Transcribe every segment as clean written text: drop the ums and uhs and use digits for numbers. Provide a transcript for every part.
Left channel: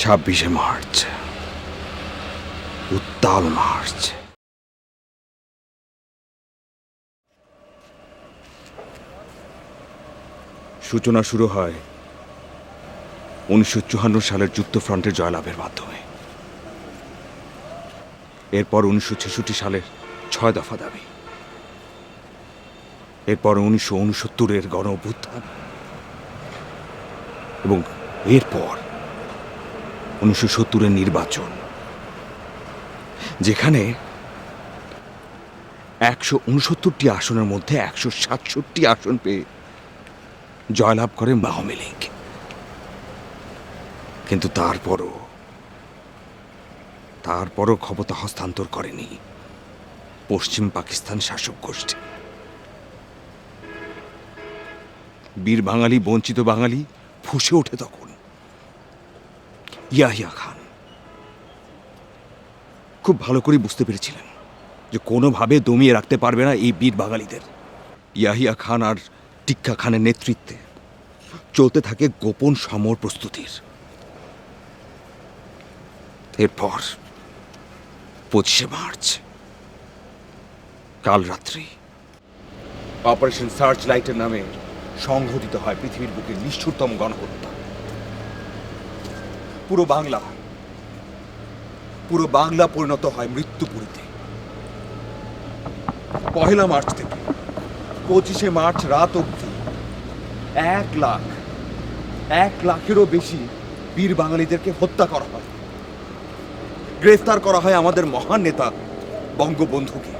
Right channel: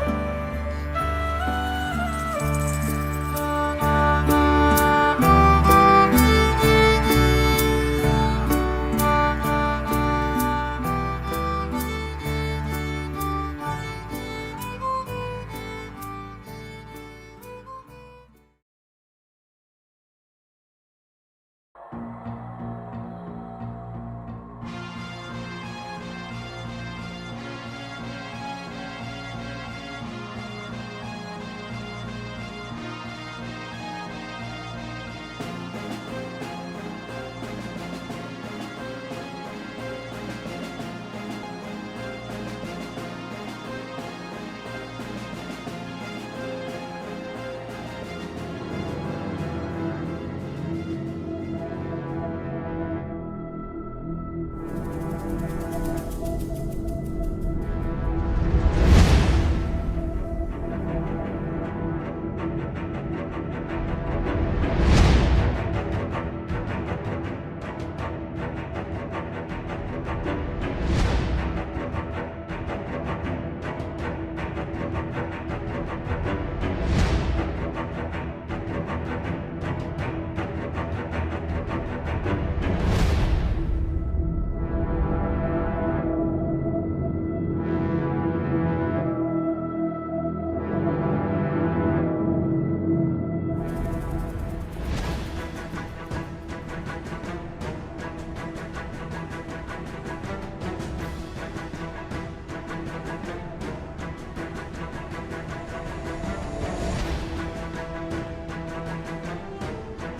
26শে March, উত্তাল March. সূচনা শুরু হয় 1954 সালের যুদ্ধফ্রন্টের জয়লাভের মাধ্যমে। এরপর 1966 সালের 6 দফা দাবি, এরপর 1969-এর গণ অভ্যুত্থান এবং এরপর 1970-এর নির্বাচন, যেখানে 169টি আসনের মধ্যে 167টি আসন পেয়ে জয়লাভ করে আওয়ামী লীগ। কিন্তু তারপরও ক্ষমতা হস্তান্তর করেনি পশ্চিম পাকিস্তান শাসক গোষ্ঠী। বীর বাঙালি, বঞ্চিত বাঙালি ফুঁসে ওঠে তখন। ইয়াহিয়া খান খুব ভালো করে বুঝতে পেরেছিলেন যে কোনোভাবে দমিয়ে রাখতে পারবে না এই বীর বাঙালিদের। ইয়াহিয়া খান আর টিক্কা খানের নেতৃত্বে চলতে থাকে গোপন সমর প্রস্তুতির। এরপর 25শে মার্চ কাল রাত্রি অপারেশন সার্চ লাইটের নামে সংঘটিত হয় পৃথিবীর বুকে নিষ্ঠুরতম গণহত্যা। পুরো বাংলা পরিণত হয় মৃত্যুপুরীতে। 1 মার্চ থেকে 25শে মার্চ রাত অবধি 1 লাখেরও বেশি বীর বাঙালিদেরকে হত্যা করা হয়। গ্রেফতার করা হয় আমাদের মহান নেতা বঙ্গবন্ধুকে।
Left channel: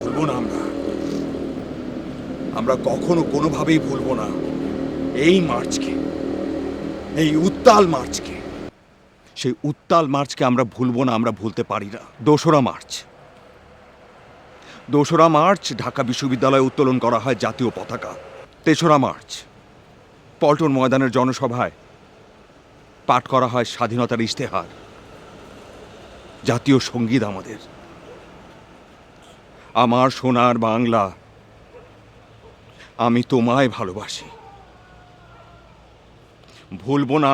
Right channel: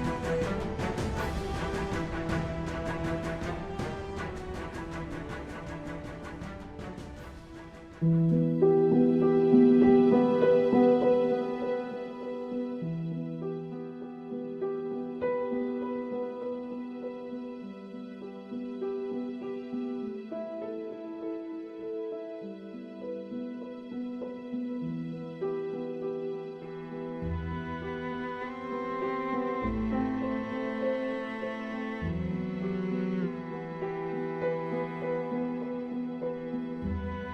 ভুলবো না আমরা কখনো কোনোভাবেই ভুলবো না এই মার্চকে, এই উত্তাল মার্চকে। সেই উত্তাল মার্চকে আমরা ভুলবো না, আমরা ভুলতে পারি না। 2রা মার্চ ঢাকা বিশ্ববিদ্যালয়ে উত্তোলন করা হয় জাতীয় পতাকা। 3রা মার্চ পল্টন ময়দানের জনসভায় পাঠ করা হয় স্বাধীনতার ইশতেহার, জাতীয় সঙ্গীত আমাদের। আমার সোনার বাংলা, আমি তোমায় ভালোবাসি। ভুলবো না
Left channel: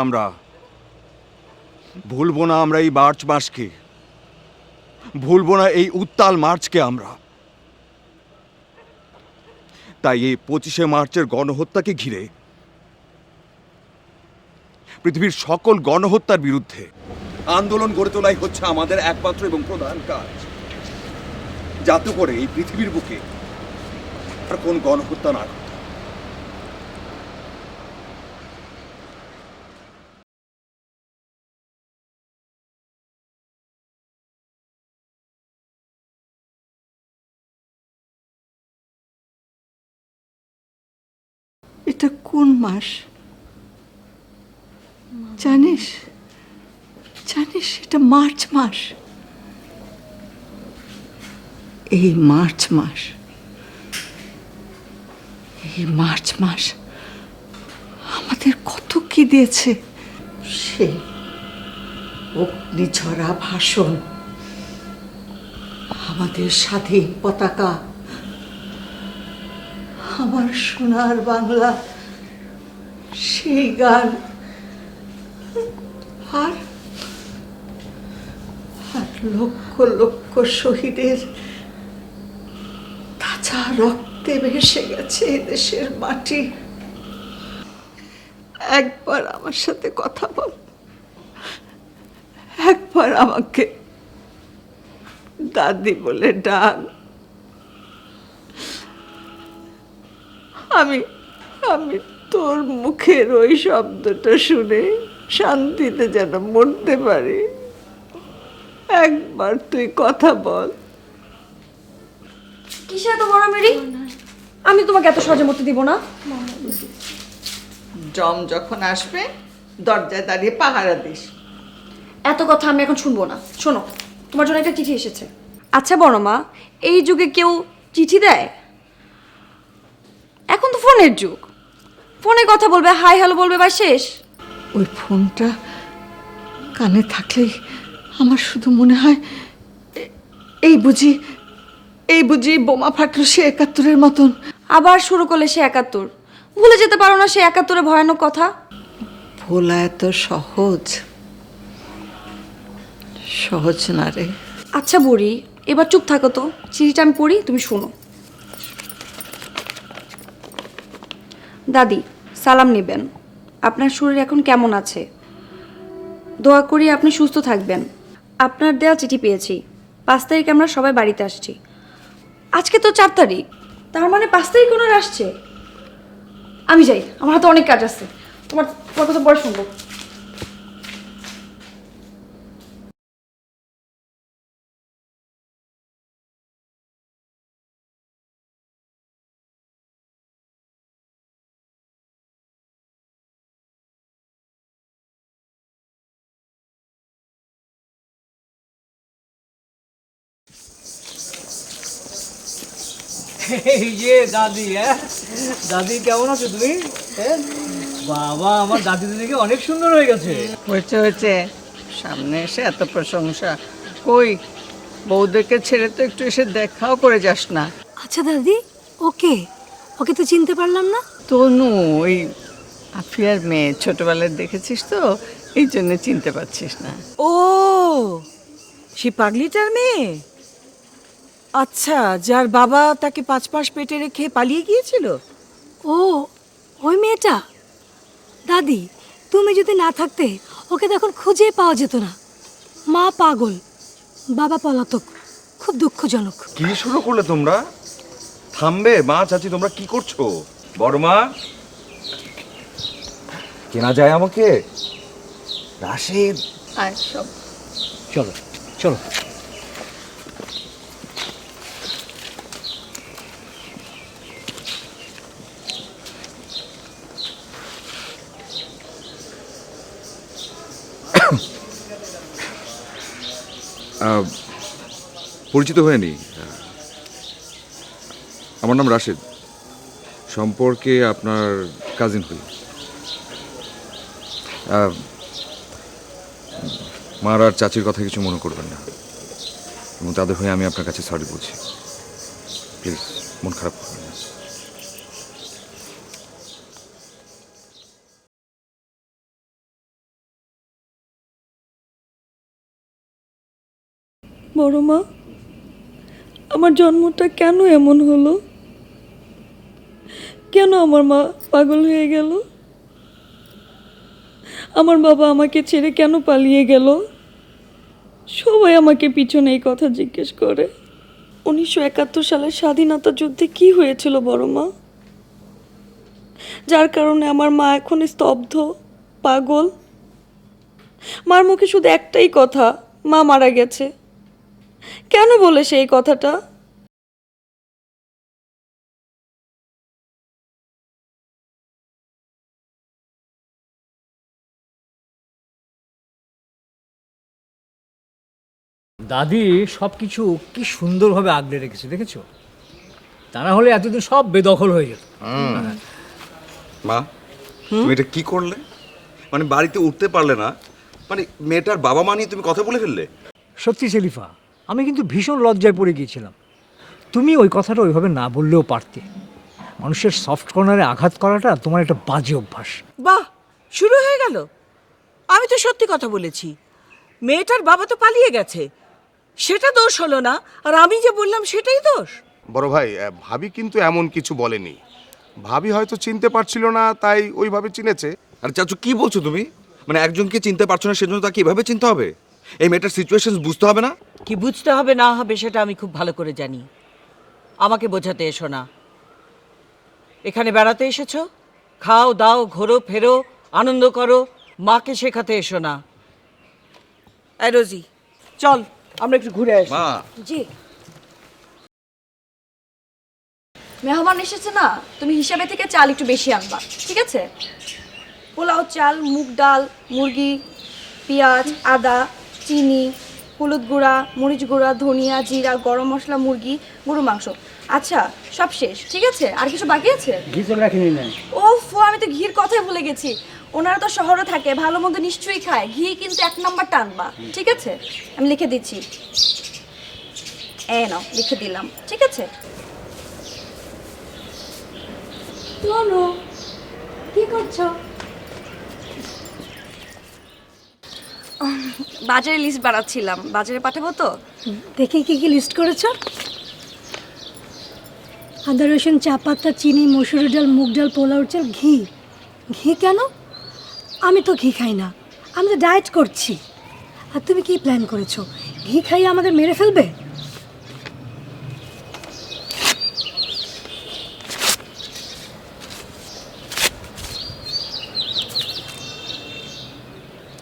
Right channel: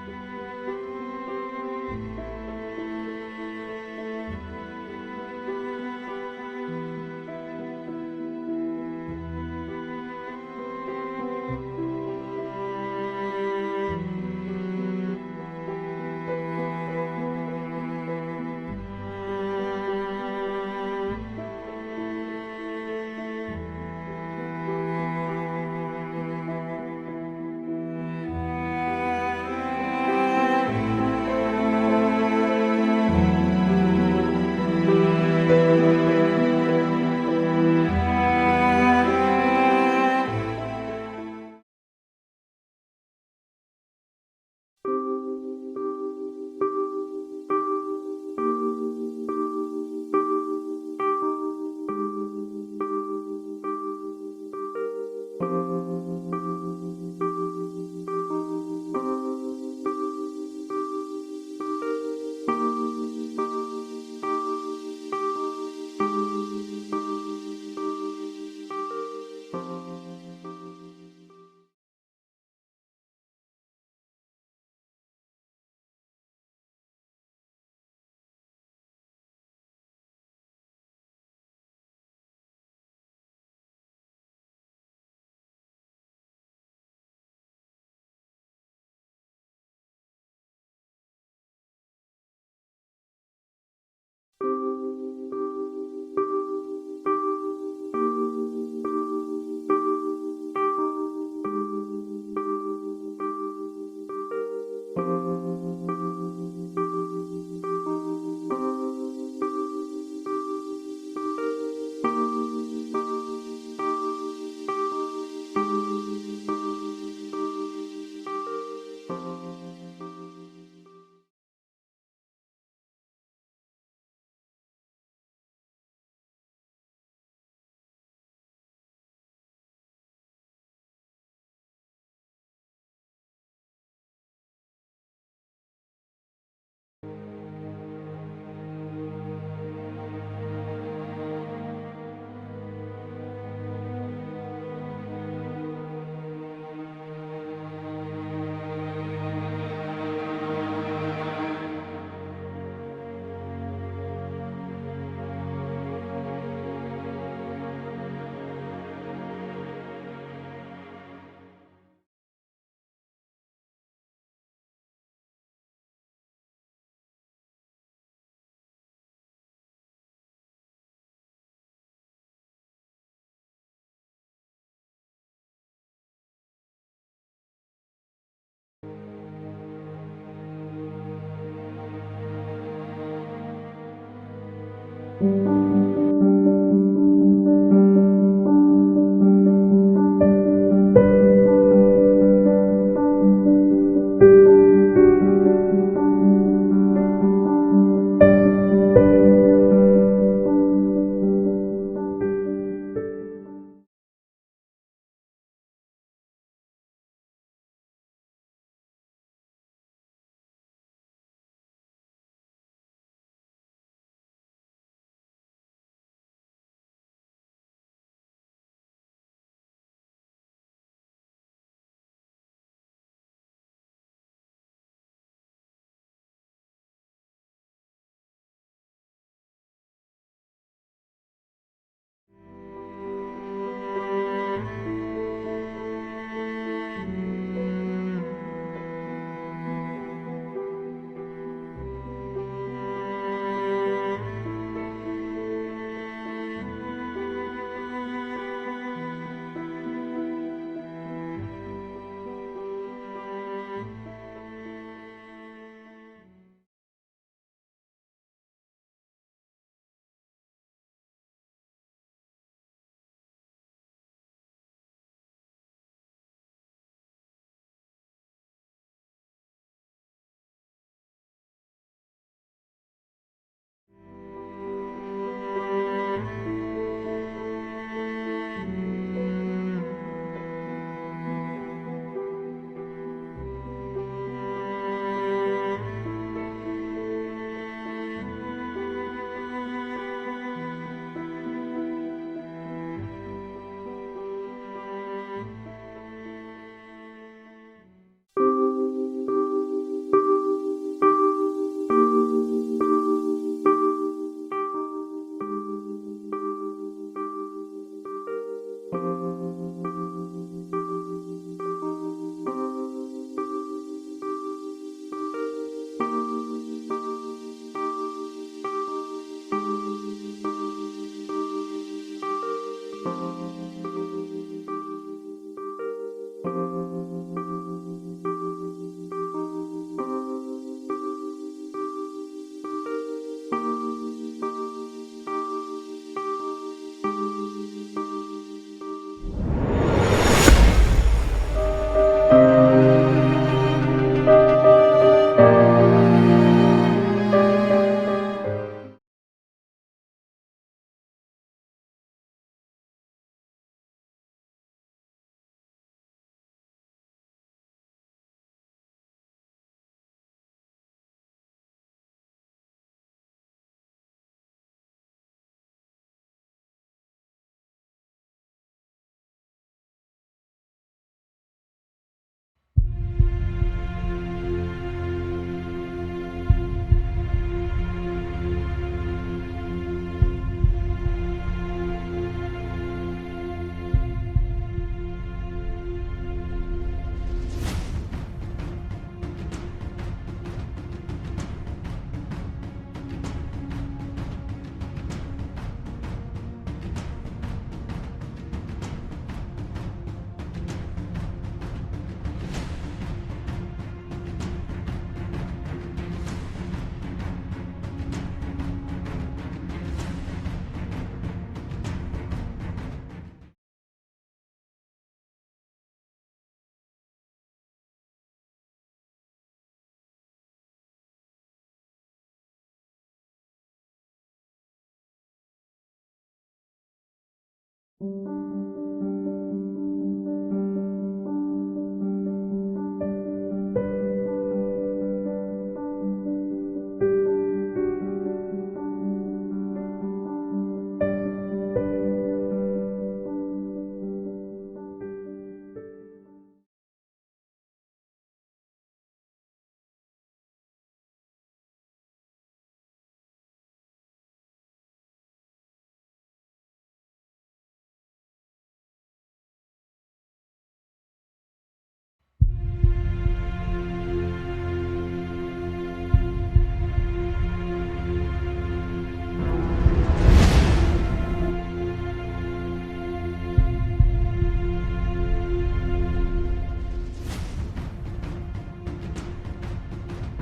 আমরা এই মার্চ মাসকে, ভুলবো না এই উত্তাল মার্চকে আমরা। তাই এই 25শে মার্চের গণহত্যাকে ঘিরে পৃথিবীর সকল গণহত্যার বিরুদ্ধে আন্দোলন গড়ে তোলাই হচ্ছে আমাদের একমাত্র এবং প্রধান কাজ, যাতে করে এই পৃথিবীর বুকে আর কোন গণহত্যা না ঘটে। এটা কোন মাস জানিস? এটা মার্চ মাস। এই মার্চ মাস আমাদের কত কি দিয়েছে। সেই অগ্নিঝরা ভাষণ, আমাদের স্বাধীন পতাকা, আমার সোনার বাংলা, সেই গান, আর লক্ষ লক্ষ শহীদের তাজা রক্তে ভেসে গেছে দেশের মাটি। একবার আমার সাথে কথা বল, একবার আমাকে দাদি বলে ডাক। আমি তোর মুখের ওই শব্দটা শুনে শান্তিতে যেন মরতে পারি। একবার তুই কথা বল। কিসে এত মারামারি? আমি তোমাকে এত সহজে মরতে দিব না। জম যখন আসবে দরজায় দাঁড়িয়ে পাহারা দিস। এত কথা আমি এখন শুনবো না। শোনো, তোমার জন্য একটা চিঠি এসেছে। আচ্ছা বড় মা, এই যুগে কেউ চিঠি দেয়? এখন তো ফোনের যুগ, ফোনে কথা বলবে, হাই হ্যালো বলবে, বা শেষ। ওই ফোনটা কানে থাকলেই আমার শুধু মনে হয় এই বুঝি বোমা ফাটলো সে ৭১-এর মতন। আবার শুরু করলে সে ৭১। ভুলে যেতে পারো না সে ৭১-এর ভয়ানক কথা। ভোলা এত সহজ সহজ না রে। আচ্ছা বুড়ি, এবার চুপ থাকো তো, চিঠিটা আমি পড়ি, তুমি শোনো। দাদি, সালাম নেবেন। আপনার শরীর এখন কেমন আছে? দোয়া করি আপনি সুস্থ থাকবেন। আপনার দেওয়া চিঠি পেয়েছি। 5 তারিখে আমরা সবাই বাড়িতে আসছি। আজকে তো 4 তারিখ, তার মানে 5 তারিখ ওনার আসছে। আমি যাই, আমার হাতে অনেক কাজ আছে। তোমার তোমার কথা পরে শুনবো। এই যে দাদি, দাদি কেমন আছো তুমি? বাবা, আমার দাদি দিদিকে অনেক সুন্দর হয়ে গেছে। হয়েছে হয়েছে, সামনে এসে এত প্রশংসা। কই বউদেরকে ছেড়ে তো একটু এসে দেখাও করে যাস না? আচ্ছা দাদি, ওকে ওকে তো চিনতে পারলাম না। তনু, ওই আফিয়ার মেয়ে, ছোটবেলায় দেখেছিস তো, এই জন্য চিনতে পারছিস না। ও, সে পাগলিটার মেয়ে? আচ্ছা, যার বাবা তাকে 5 মাস পেটে রেখে পালিয়ে গিয়েছিল। ও, ওই মেয়েটা। দাদি, তুমি যদি না থাকতে ওকে তখন খুঁজে পাওয়া যেত না। মা পাগল, বাবা পলাতক, খুব দুঃখজনক। কি শুরু করলে তোমরা? থামবে মা, চাচি, তোমরা কি করছো? বড় মা, কেনা যায় আমাকে? রাশেদ, আর সব চলো চলো। পরিচিত হয়নি, আমার নাম রাশেদ, সম্পর্কে আপনার কাজিন হই। মার আর চাচির কথা কিছু মনে করবেন না, এবং তাদের হয়ে আমি আপনার কাছে সরি বলছি। প্লিজ মন খারাপ করবেন না। বড় মা, আমার জন্মটা কেন এমন হলো? কেন আমার মা পাগল হয়ে গেল? আমার বাবা আমাকে ছেড়ে কেন পালিয়ে গেল? সবাই আমাকে পিছনে এই কথা জিজ্ঞেস করে। 1971 সালের স্বাধীনতা যুদ্ধে কি হয়েছিল বড় মা, যার কারণে আমার মা এখন স্তব্ধ, পাগল? মার মুখে শুধু একটাই কথা, মা মারা গেছে। কেন বলে সেই কথাটা? দাদি সবকিছু কি সুন্দরভাবে আগলে রেখেছে, দেখেছো? তা না হলে এতদিন সব বেদখল হয়ে যেত। মা, তুমি এটা কি করলে? মানে বাড়িতে উঠতে পারলে না, মানে মেয়েটার বাবা মা নিয়ে তুমি কথা বলে ফেললে? সত্যি সেলিফা, আমি কিন্তু ভীষণ লজ্জায় পড়ে গিয়েছিলাম। তুমি ওই কথাটা ওইভাবে না বললেও পারতে। মানুষের সফট কর্নারে আঘাত করাটা তোমার একটা বাজে অভ্যাস। বাহ, শুরু হয়ে গেল। আমি তো সত্যি কথা বলেছি। মেয়েটার বাবা তো পালিয়ে গেছে, সেটা দোষ হলো না, আর আমি যে বললাম সেটাই দোষ। বড় ভাই, ভাবি কিন্তু এমন কিছু বলেনি। ভাবি হয়তো চিনতে পারছিল না, তাই ওইভাবে চিনেছে। আর চাচু, কি বলছো তুমি? মানে একজনকে চিনতে পারছো না সেজন্য তাকে এভাবে চিনতে হবে? এই মেয়েটার সিচুয়েশন বুঝতে হবে না? কি বুঝতে হবে না হবে সেটা আমি খুব ভালো করে জানি। আমাকে বোঝাতে এসো না। এখানে বেড়াতে এসেছো, খাও দাও, ঘোরো ফেরো, আনন্দ করো, মাকে শেখাতে এসো না। এই রোজি, চল আমরা একটু ঘুরে আসি। মা, জি, মেহমান এসেছে না, তুমি হিসাবে থেকে চাল একটু বেশি আনবা, ঠিক আছে? পোলাও চাল, মুগ ডাল, মুরগি, পেঁয়াজ, আদা, চিনি, হলুদ গুঁড়া, মরিচ গুঁড়া, ধনিয়া, জিরা, গরম মশলা, মুরগি, গরু মাংস। আচ্ছা, সব শেষ, ঠিক আছে? আর কিছু বাকি আছে? ওফ, আমি তো ঘির কথাই ভুলে গেছি। ওনারা তো শহরে থাকে, ভালো মন্দ নিশ্চয়ই খায়, ঘি কিন্তু 1 নাম্বারটা আনবা, ঠিক আছে? আমি লিখে দিচ্ছি। এই নাও, লিখে দিলাম, ঠিক আছে? কি করছো? বাজারে লিস্ট বানাচ্ছিলাম, বাজারে পাঠাবো তো। দেখি কি কি লিস্ট করেছো। আদা রসুন চা পাতা চিনি মসুরি ডাল মুগ ডাল পোলাও চাল ঘি। ঘি কেন? আমি তো ঘি খাই না, আমি তো ডায়েট করছি। আর তুমি কি প্ল্যান করেছো? ঘি খাইয়ে আমাদের মেরে ফেলবে?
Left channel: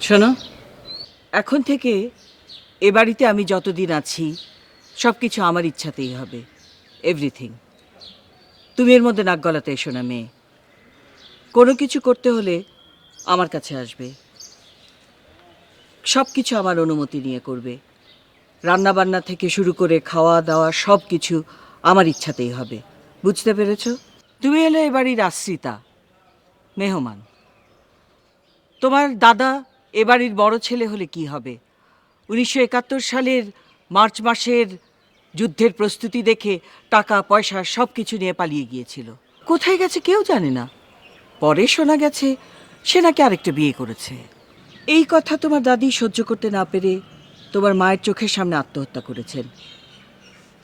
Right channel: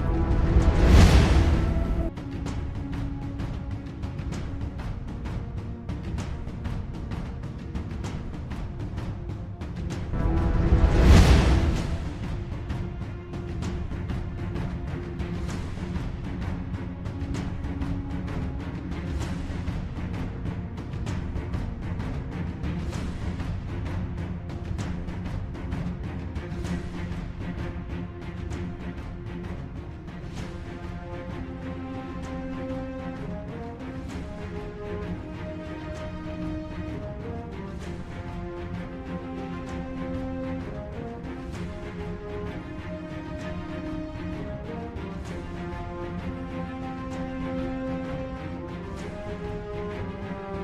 শোনো, এখন থেকে এ বাড়িতে আমি যতদিন আছি সব কিছু আমার ইচ্ছাতেই হবে, এভরিথিং। তুমি এর মধ্যে নাক গলাতে এসো না মেয়ে। কোনো কিছু করতে হলে আমার কাছে আসবে, সব কিছু আমার অনুমতি নিয়ে করবে। রান্না বান্না থেকে শুরু করে খাওয়া দাওয়া সব কিছু আমার ইচ্ছাতেই হবে, বুঝতে পেরেছো? তুমি হলে এ বাড়ির আশ্রিতা, মেহমান। তোমার দাদা এ বাড়ির বড় ছেলে হলে কি হবে? 1971 সালের মার্চ মাসের যুদ্ধের প্রস্তুতি দেখে টাকা পয়সা সব কিছু নিয়ে পালিয়ে গিয়েছিল। কোথায় গেছে কেউ জানে না। পরে শোনা গেছে সে নাকি আরেকটা বিয়ে করেছে। এই কথা তোমার দাদি সহ্য করতে না পেরে তোমার মায়ের চোখের সামনে আত্মহত্যা করেছেন।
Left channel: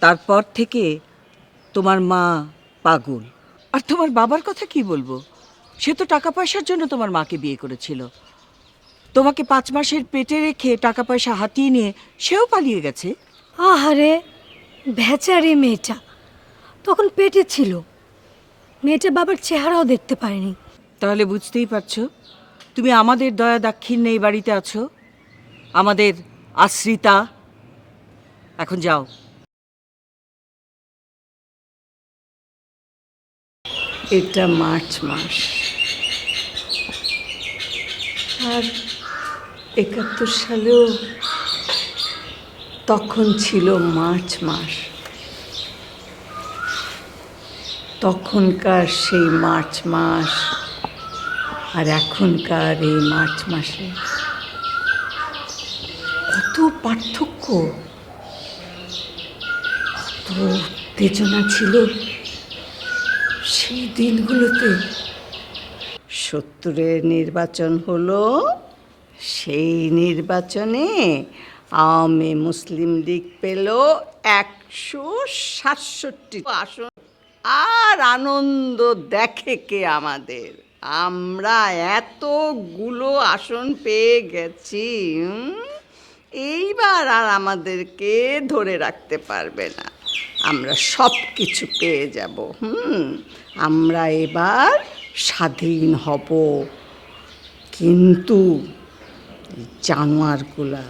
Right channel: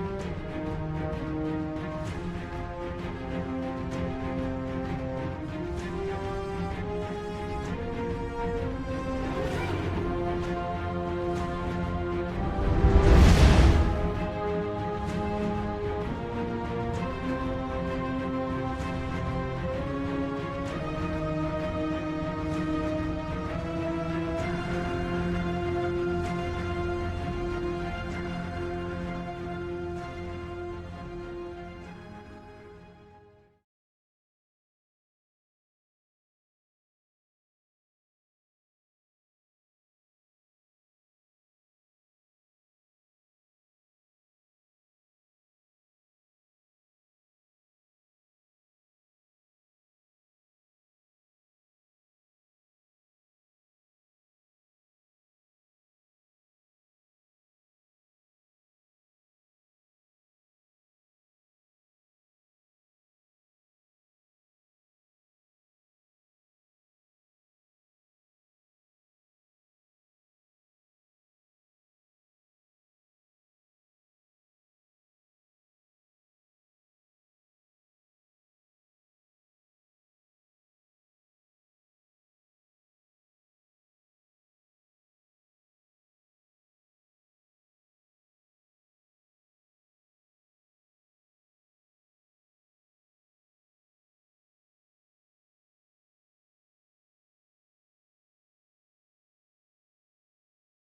তারপর থেকে তোমার মা পাগল। আর তোমার বাবার কথা কি বলবো? সে তো টাকা পয়সার জন্য তোমার মাকে বিয়ে করেছিল। তোমাকে 5 মাসের পেটে রেখে টাকা পয়সা হাতিয়ে নিয়ে সেও পালিয়ে গেছে। আহারে বেচারি মেয়েটা তখন পেটে ছিল, মেয়েটা বাবার চেহারাও দেখতে পারেনি। তাহলে বুঝতেই পারছো তুমি আমাদের দয়া দাক্ষিণ্যে এই বাড়িতে আছো, আমাদের আশ্রিতা। এখন যাও। এটা মার্চ মাস, আর 71 সালেও তখন ছিল মার্চ মাস। তখনকার সেই মার্চ মাস আর এখনকার এই মার্চ মাসে কত পার্থক্য, কত উত্তেজনা ছিল সেই দিনগুলোতে। 70-এর নির্বাচন হলো, সেই নির্বাচনে আওয়ামী মুসলিম লীগ পেল 167 আসন। আর আনন্দ দেখে কে আমাদের, আমরা এতগুলো আসন পেয়ে গেছি। এইবার আর আমাদেরকে ধরে রাখতে পারবে না, আমরা সব কিছু পেয়ে যাব। আমরা এবার স্বাধীন হব। কিন্তু এই জানোয়ারগুলা,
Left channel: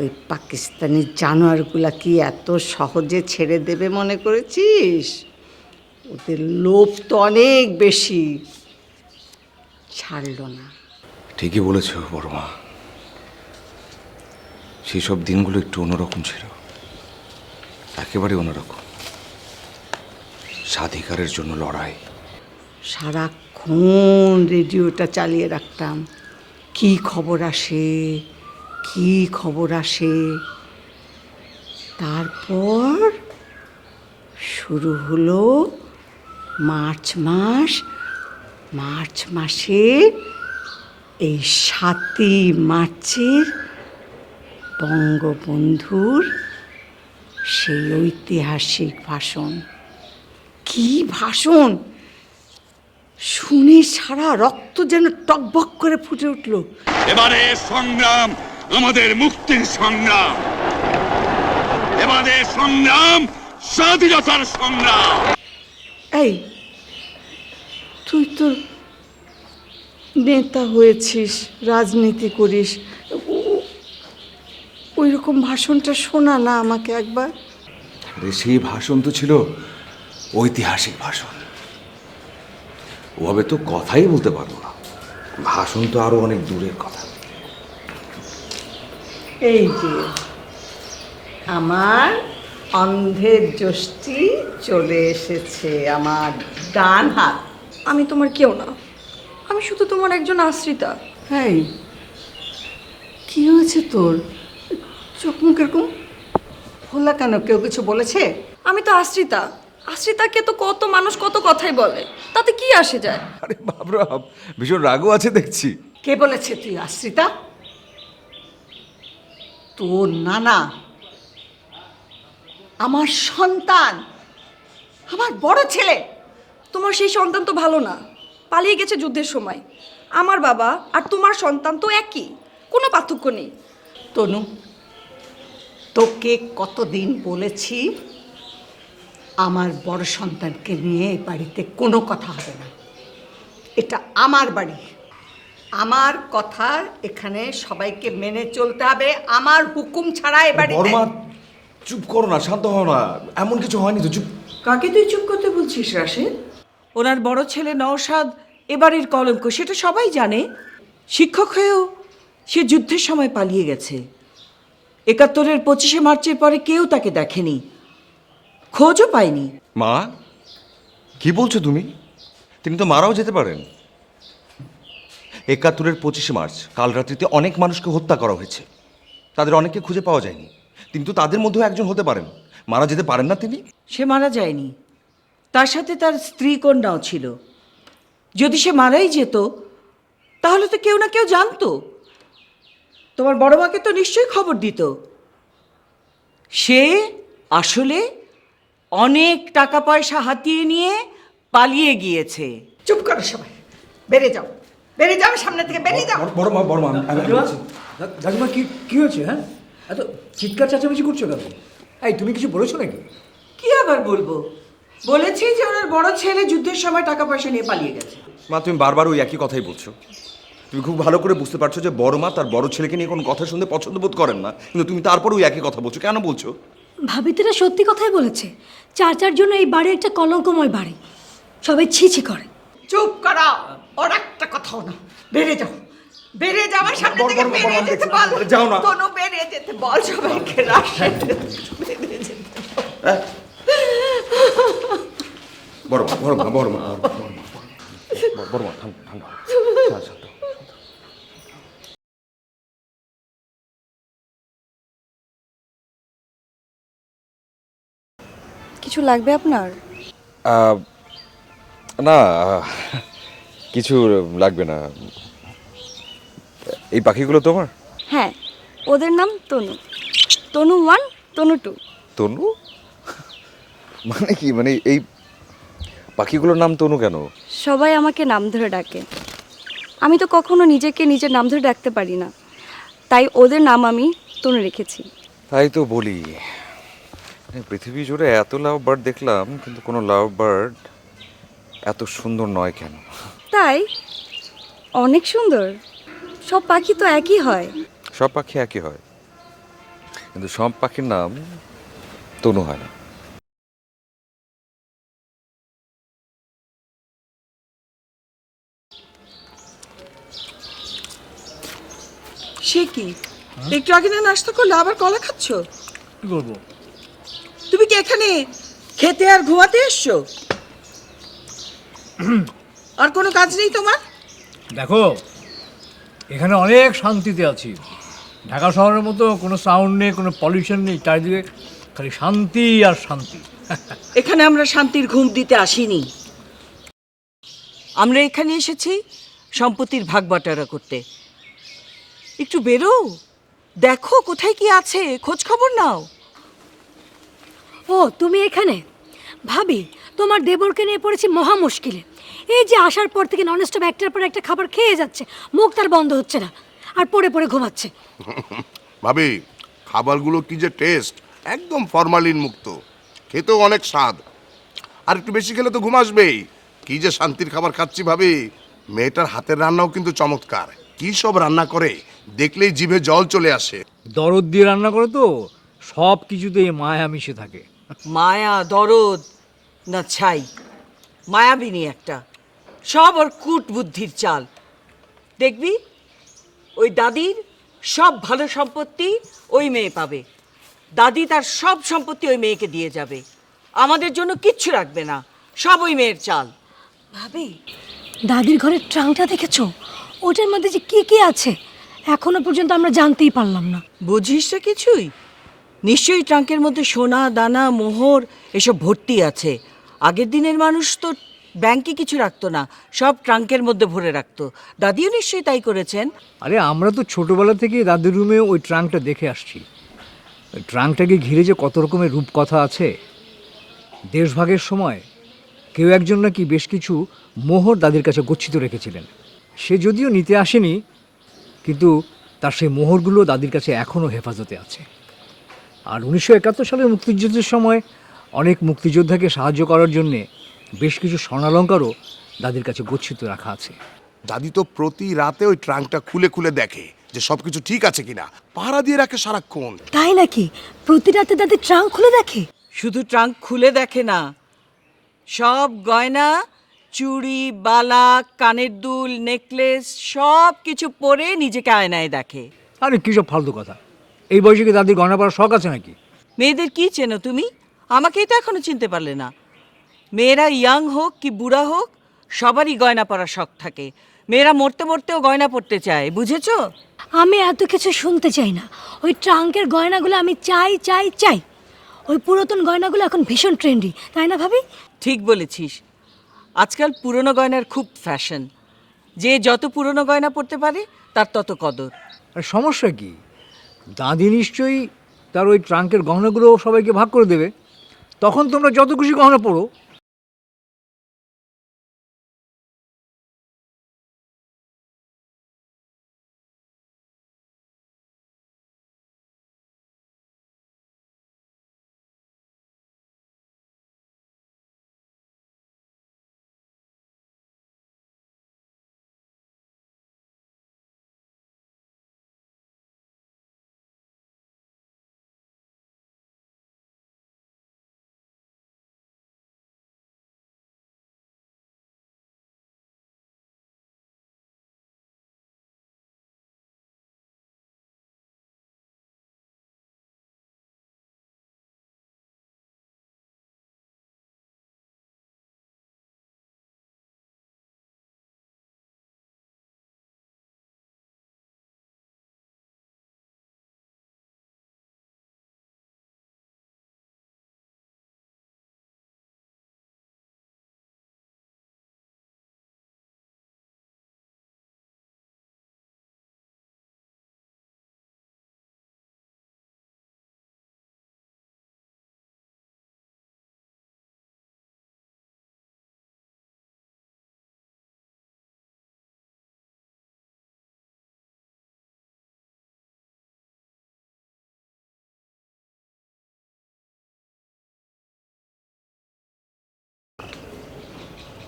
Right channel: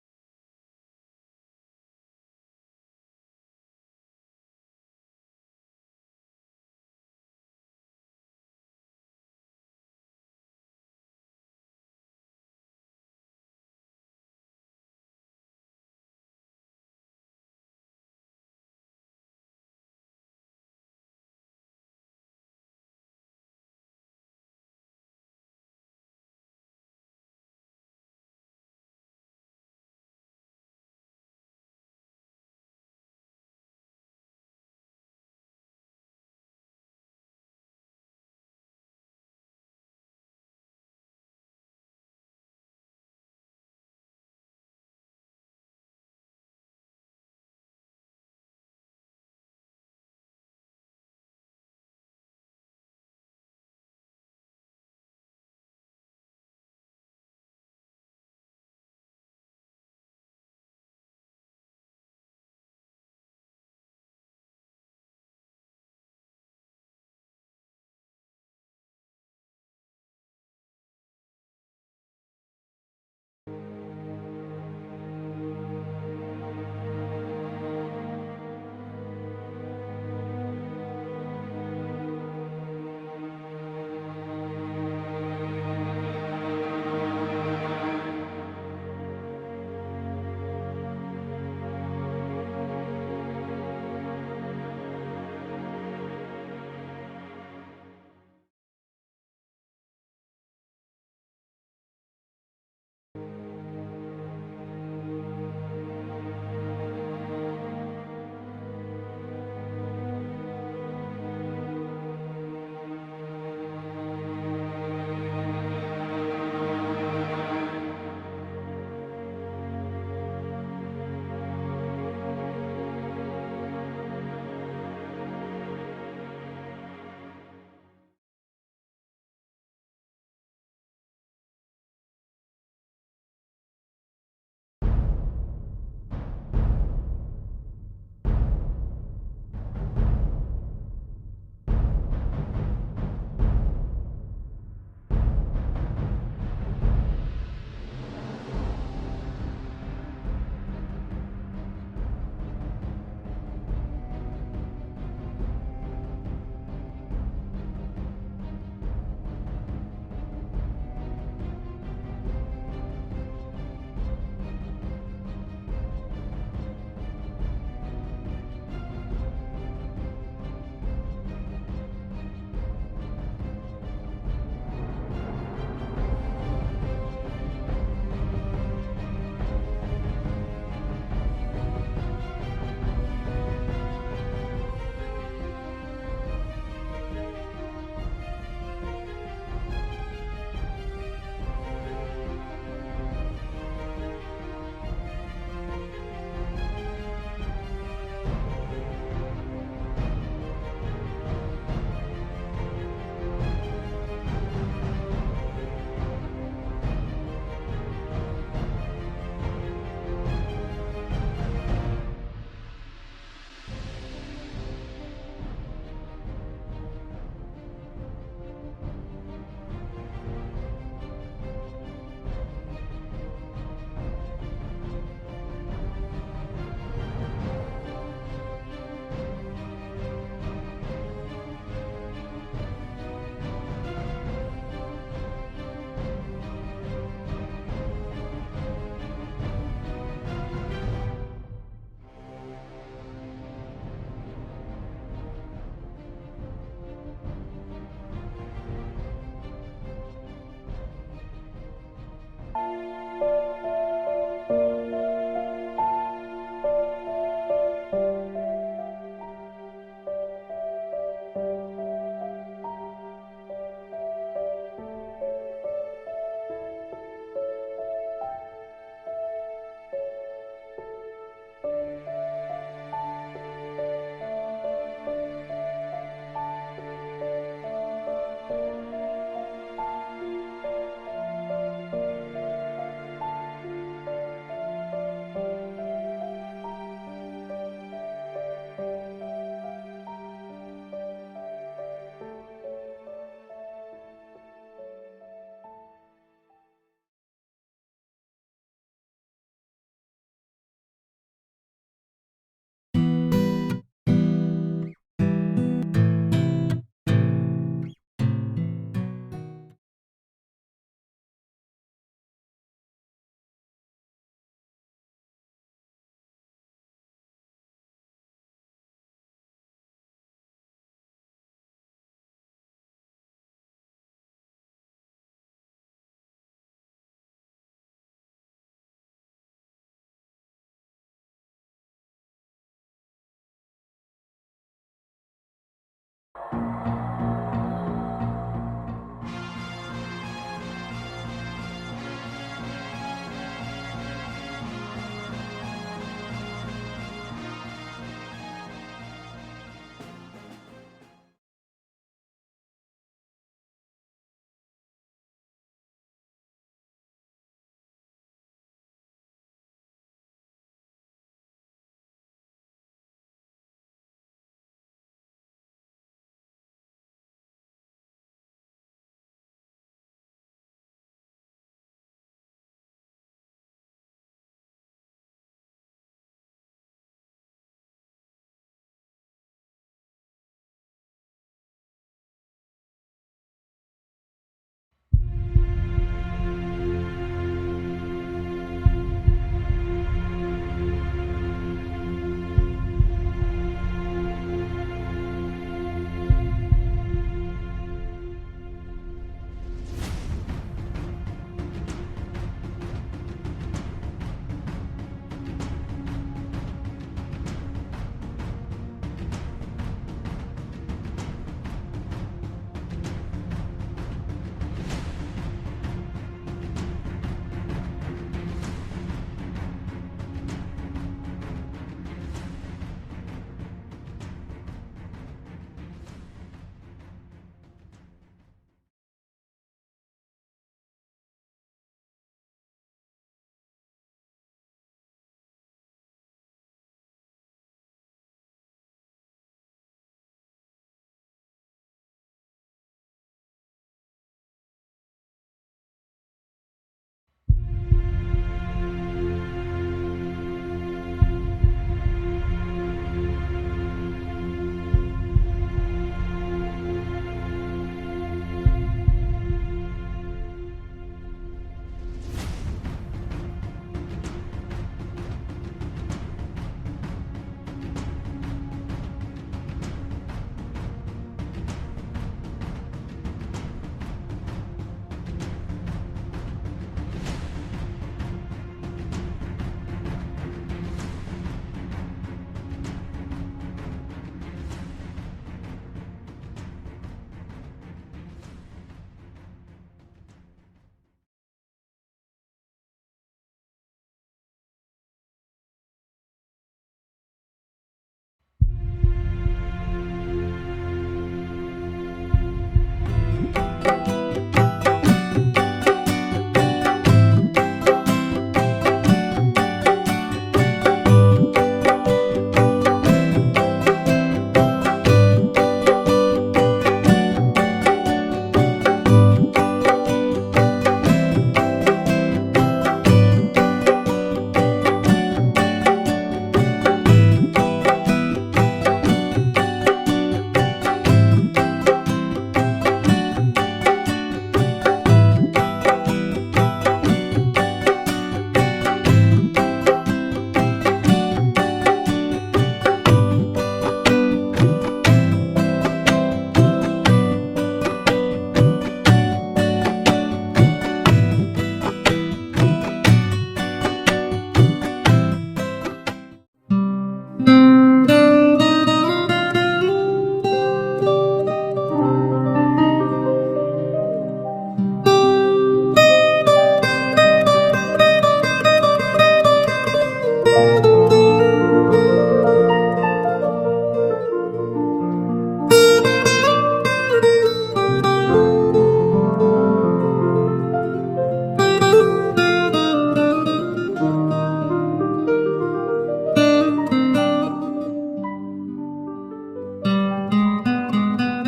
ওই পাকিস্তানি জানোয়ারগুলা কি এত সহজে ছেড়ে দেবে মনে করেছিস? ওদের লোভ তো অনেক বেশি, ছাড়লো না। ঠিকই বলেছ বড় মা, সেই সব দিনগুলো একটু অন্যরকম ছিল, একেবারে অন্যরকম। স্বাধিকারের জন্য লড়াই। সারাক্ষণ রেডিওটা চালিয়ে রাখতাম, কি খবর আসে কি খবর আসে। তারপর শুরু হলো মার্চ মাস। মার্চ মাসে এই 7ই মার্চের বঙ্গবন্ধুর সেই ঐতিহাসিক ভাষণ। কি ভাষণ! শুনে সারা রক্ত যেন টকবক করে ফুটে উঠল। এবারে সংগ্রাম আমাদের মুক্তির সংগ্রাম, এবারে সংগ্রাম স্বাধীনতার সংগ্রাম। এই তুই তো নেতা হয়েছিস, রাজনীতি করিস, ওই রকম ভাষণটা শোনা না আমাকে একবার। সেই ভাষণ তো ছিল ঐতিহাসিক ভাষণ, ওভাবে তো কথাই বলতে পারবো না। ভাষণ তো আরো অনেক দূরের কথা। এই যে আমার অন্ধের যষ্টি চলে এসেছে, আমার ডান হাত। আমি তোমার কেউ না, আমি শুধু তোমার একজন আশ্রিতা। এই কি হয়েছে তোর? চোখ মুখ এরকম খোলা কেন? কেউ কিছু বলেছে? আমি তো আশ্রিতা, আশ্রিতাকে তো কত মানুষ কত কথাই বলে, তাতে কি আসে যায়? আরে বাবরা, ভীষণ রাগও আছে দেখছি। কে বলেছে তুই আশ্রিতা? তোর নানা আমার সন্তান, আমার বড় ছেলে। তোমার সেই সন্তান তো ভালো না, পালিয়ে গেছে যুদ্ধের সময়। আমার বাবা আর তোমার সন্তান তো একই, কোনো পার্থক্য নেই। তনু, তোকে কতদিন বলেছি আমার বড় সন্তানকে নিয়ে এই বাড়িতে কোনো কথা হবে না। এটা আমার বাড়ি, আমার কথা এখানে সবাইকে মেনে চলতে হবে। আমার হুকুম ছাড়া এ বাড়িতে। বড়মা চুপ করো না, শান্ত হও না, এমন কিছু হয়নি তো, চুপ। কাকে তুই চুপ করতে বলছিস রাশেদ? ওনার বড় ছেলে নওশাদ এবারের কলঙ্ক, সেটা সবাই জানে। শিক্ষক হয়েও সে যুদ্ধের সময় পালিয়ে গেছে। ৭১-এর ২৫শে মার্চের পরে কেউ তাকে দেখেনি, খোঁজও পায়নি। মা, কি বলছো তুমি? তিনি তো মারাও যেতে পারেন। ৭১-এর ২৫শে মার্চ কাল রাত্রিতে অনেক মানুষকে হত্যা করা হয়েছে, তাদের অনেককে খুঁজে পাওয়া যায়নি, কিন্তু তাদের মধ্যেও একজন হতে পারেন। মারা যেতে পারেন না তিনি? সে মারা যায়নি, তার সাথে তার স্ত্রী কন্যাও ছিল। যদি সে মারাই যেত তাহলে তো কেউ না কেউ জানতো। তোমার বড় মাকে তো নিশ্চয়ই খবর দিত। সে আসলে অনেক টাকা পয়সা হাতিয়ে নিয়ে পালিয়ে গিয়েছে। চুপ করো সবাই, বেরে যাও, বেরে যাও, সামনে থেকে বেরিয়ে যাও। বড়মা, দাদিমা কি কি হয়েছে? হ্যাঁ, এত চিৎকার চেঁচামেচি করছো কেন? এই, তুমি কিছু বলেছো নাকি? কি আবার বলবো, বলেছি যে ওনার বড় ছেলে যুদ্ধের সময় টাকা পয়সা নিয়ে পালিয়ে গেছে। মা, তুমি বারবার ওই একই কথাই বলছো। তুমি খুব ভালো করে বুঝতে পারছো যে বড় মা তার বড় ছেলেকে নিয়ে কোনো কথা শুনতে পছন্দ বোধ করেন না, কিন্তু তুমি তারপর ওই একই কথা বলছো। কেন বলছো? ভাবি তো এটা সত্যি কথাই বলেছে। চাচার জন্য এই বাড়ি একটা কলঙ্কময় বাড়ি, সবাই ছি ছি করে। চুপ করো, ওর একটা কথাও না। বেরে যাও, বেরে যাও, আমার সামনে থেকে বেরিয়ে যেতে বল। যাও না। তনু, বেরিয়ে যেতে বল সবাইকে। রাশেদ, বেরিয়ে যেতে বল। বড়মা, বড়মা, বড়মা, বড়মা, থামো, থামো। আচ্ছা। কিছু লাগবে আপনার? না, কিছু লাগবে না। এই পাখিগুলো তোমার? হ্যাঁ, ওদের নাম তনু। তনু 1, তনু 2। তনু মানে কি? মানে এই পাখিগুলোর নাম তনু কেন? সবাই আমাকে নাম ধরে ডাকে, আমি তো কখনো নিজেকে নিজের নাম ধরে ডাকতে পারি না, তাই ওদের নাম আমি তনু রেখেছি। তাই তো বলি, পৃথিবী জুড়ে এত লাভ বার্ড দেখলাম, কিন্তু কোনো লাভ বার্ড এত সুন্দর নয় কেন? তাই? অনেক সুন্দর। সব পাখি তো একই হয়। সব পাখি একই হয়, কিন্তু সব পাখির নাম তনু হয় না। সে কি, একটু আগে না নাস্তা করলে আবার কলা খাচ্ছ? কি করবো? তুমি কি এখানে খেতে আর ঘুমাতে এসছো? আর কোনো কাজ নেই তোমার? দেখো, এখানে অনেক শান্তিতে আছি। ঢাকা শহরের মতো কোনো সাউন্ড নেই, কোনো পলিউশন নেই, চারিদিকে খালি শান্তি আর শান্তি। এখানে আমরা শান্তির ঘুম দিতে আসিনি, আমরা এখানে এসেছি সম্পত্তির ভাগ বাটোয়ারা করতে। একটু বেরো, দেখো কোথায় কি আছে, খোঁজ খবর নাও। ও, তুমি এখানে? ভাবি, তোমার দেবরকে নিয়ে পড়েছি মহা মুশকিলে। এই যে আসার পর থেকে ননস্টপ একটার পর একটা খাবার খেয়ে যাচ্ছে, মুখ তার বন্ধ হচ্ছে না, আর পড়ে পড়ে ঘুমাচ্ছে। ভাবি, খাবারগুলো কি যে টেস্ট, একদম ফরমালিন মুক্ত, খেতেও অনেক স্বাদ। আর একটু বেশি খেলে তো ঘুম আসবেই। কি যে শান্তির খাবার খাচ্ছি ভাবি। মেয়েটার হাতের রান্নাও কিন্তু চমৎকার। কি সব রান্না করে দেখলেই জিভে জল চলে আসে। দরদ দিয়ে রান্না করে তো, সব কিছুতেই মায়া মিশে থাকে। মায়া, দরদ না ছাই, মায়াবিনী একটা। সব ওর কূট বুদ্ধির চাল। দেখবি ওই দাদির সব ভালো সম্পত্তি ওই মেয়ে পাবে। দাদি তার সব সম্পত্তি ওই মেয়েকে দিয়ে যাবে, আমাদের জন্য কিচ্ছু রাখবে না, সব ওই মেয়ের চাল। ভাবি, দাদির ঘরের ট্রাঙ্কটা দেখেছো? ওটার মধ্যে যে কি কি আছে এখনো পর্যন্ত আমরা জানতেই পারলাম না। বুঝিস না কিছুই? নিশ্চয়ই ট্রাঙ্কের মধ্যে সোনা দানা মোহর এসব ভর্তি আছে। আগের দিনের মানুষ তো ব্যাংকে কিছু রাখতো না, সব ট্রাঙ্কের মধ্যে ভরে রাখতো। দাদিও নিশ্চয়ই তাই করেছেন। আরে আমরা তো ছোটবেলা থেকে দাদির রুমে ওই ট্রাঙ্কটা দেখে আসছি। ওই ট্রাঙ্কটাকে ঘিরে যে কত রকমের রূপকথা আছে। দেশভাগের সময় কেউ একজন নাকি বেশ কিছু মোহর দাদির কাছে গচ্ছিত রেখেছিলেন। সে যদিও নিতে আসেনি, কিন্তু তার সেই মোহরগুলো দাদির কাছে এখনও হেফাজতে আছে। আর 1971 সালের মুক্তিযুদ্ধের সময় অনেক মুক্তিযোদ্ধাকে সাহায্য করার জন্যে বেশ কিছু স্বর্ণালঙ্কারও দাদির কাছে গচ্ছিত রাখা আছে। দাদি তো প্রতি রাতে ওই ট্রাঙ্কটা খুলে খুলে দেখে যে সবকিছু ঠিক আছে কিনা, পাহারা দিয়ে রাখে সারাক্ষণ। তাই নাকি? প্রতি রাতে দাদি ট্রাঙ্ক খুলে দেখে? শুধু ট্রাঙ্ক খুলে দেখে না, সব গয়না, চুড়ি, বালা, কানের দুল, নেকলেস সব কিছু পরে নিজেকে আয়নায় দেখে। আরে কী সব ফালতু কথা! এই বয়সে কি দাদির গয়না পরার শখ আছে নাকি? মেয়েদের কি চেনো তুমি? আমাকেই তো এখনো চিনতে পারলে না। মেয়েরা ইয়াং হোক কি বুড়া হোক, সবারই গয়না পরার শখ থাকে। মেয়েরা মরতে মরতেও গয়না পরতে চায়, বুঝেছো? আমি এত কিছু শুনতে চাই না। ওই ট্রাঙ্কের গয়নাগুলো আমি চাই চাই চাই। ওই পুরাতন গয়নাগুলো এখন ভীষণ ট্রেন্ডি, তাই না ভাবি? ঠিক বলেছিস, আজকাল পুরনো গয়নার খুব ফ্যাশন। যে যত পুরনো গয়না পরতে পারে তার তত কদর। আর সমস্যা কি? দাদি নিশ্চয়ই তার ওই ট্রাঙ্কের গহনাগুলো সবাইকে ভাগ করে দেবে, তখন তোমরা যত খুশি গহনা পড়ো।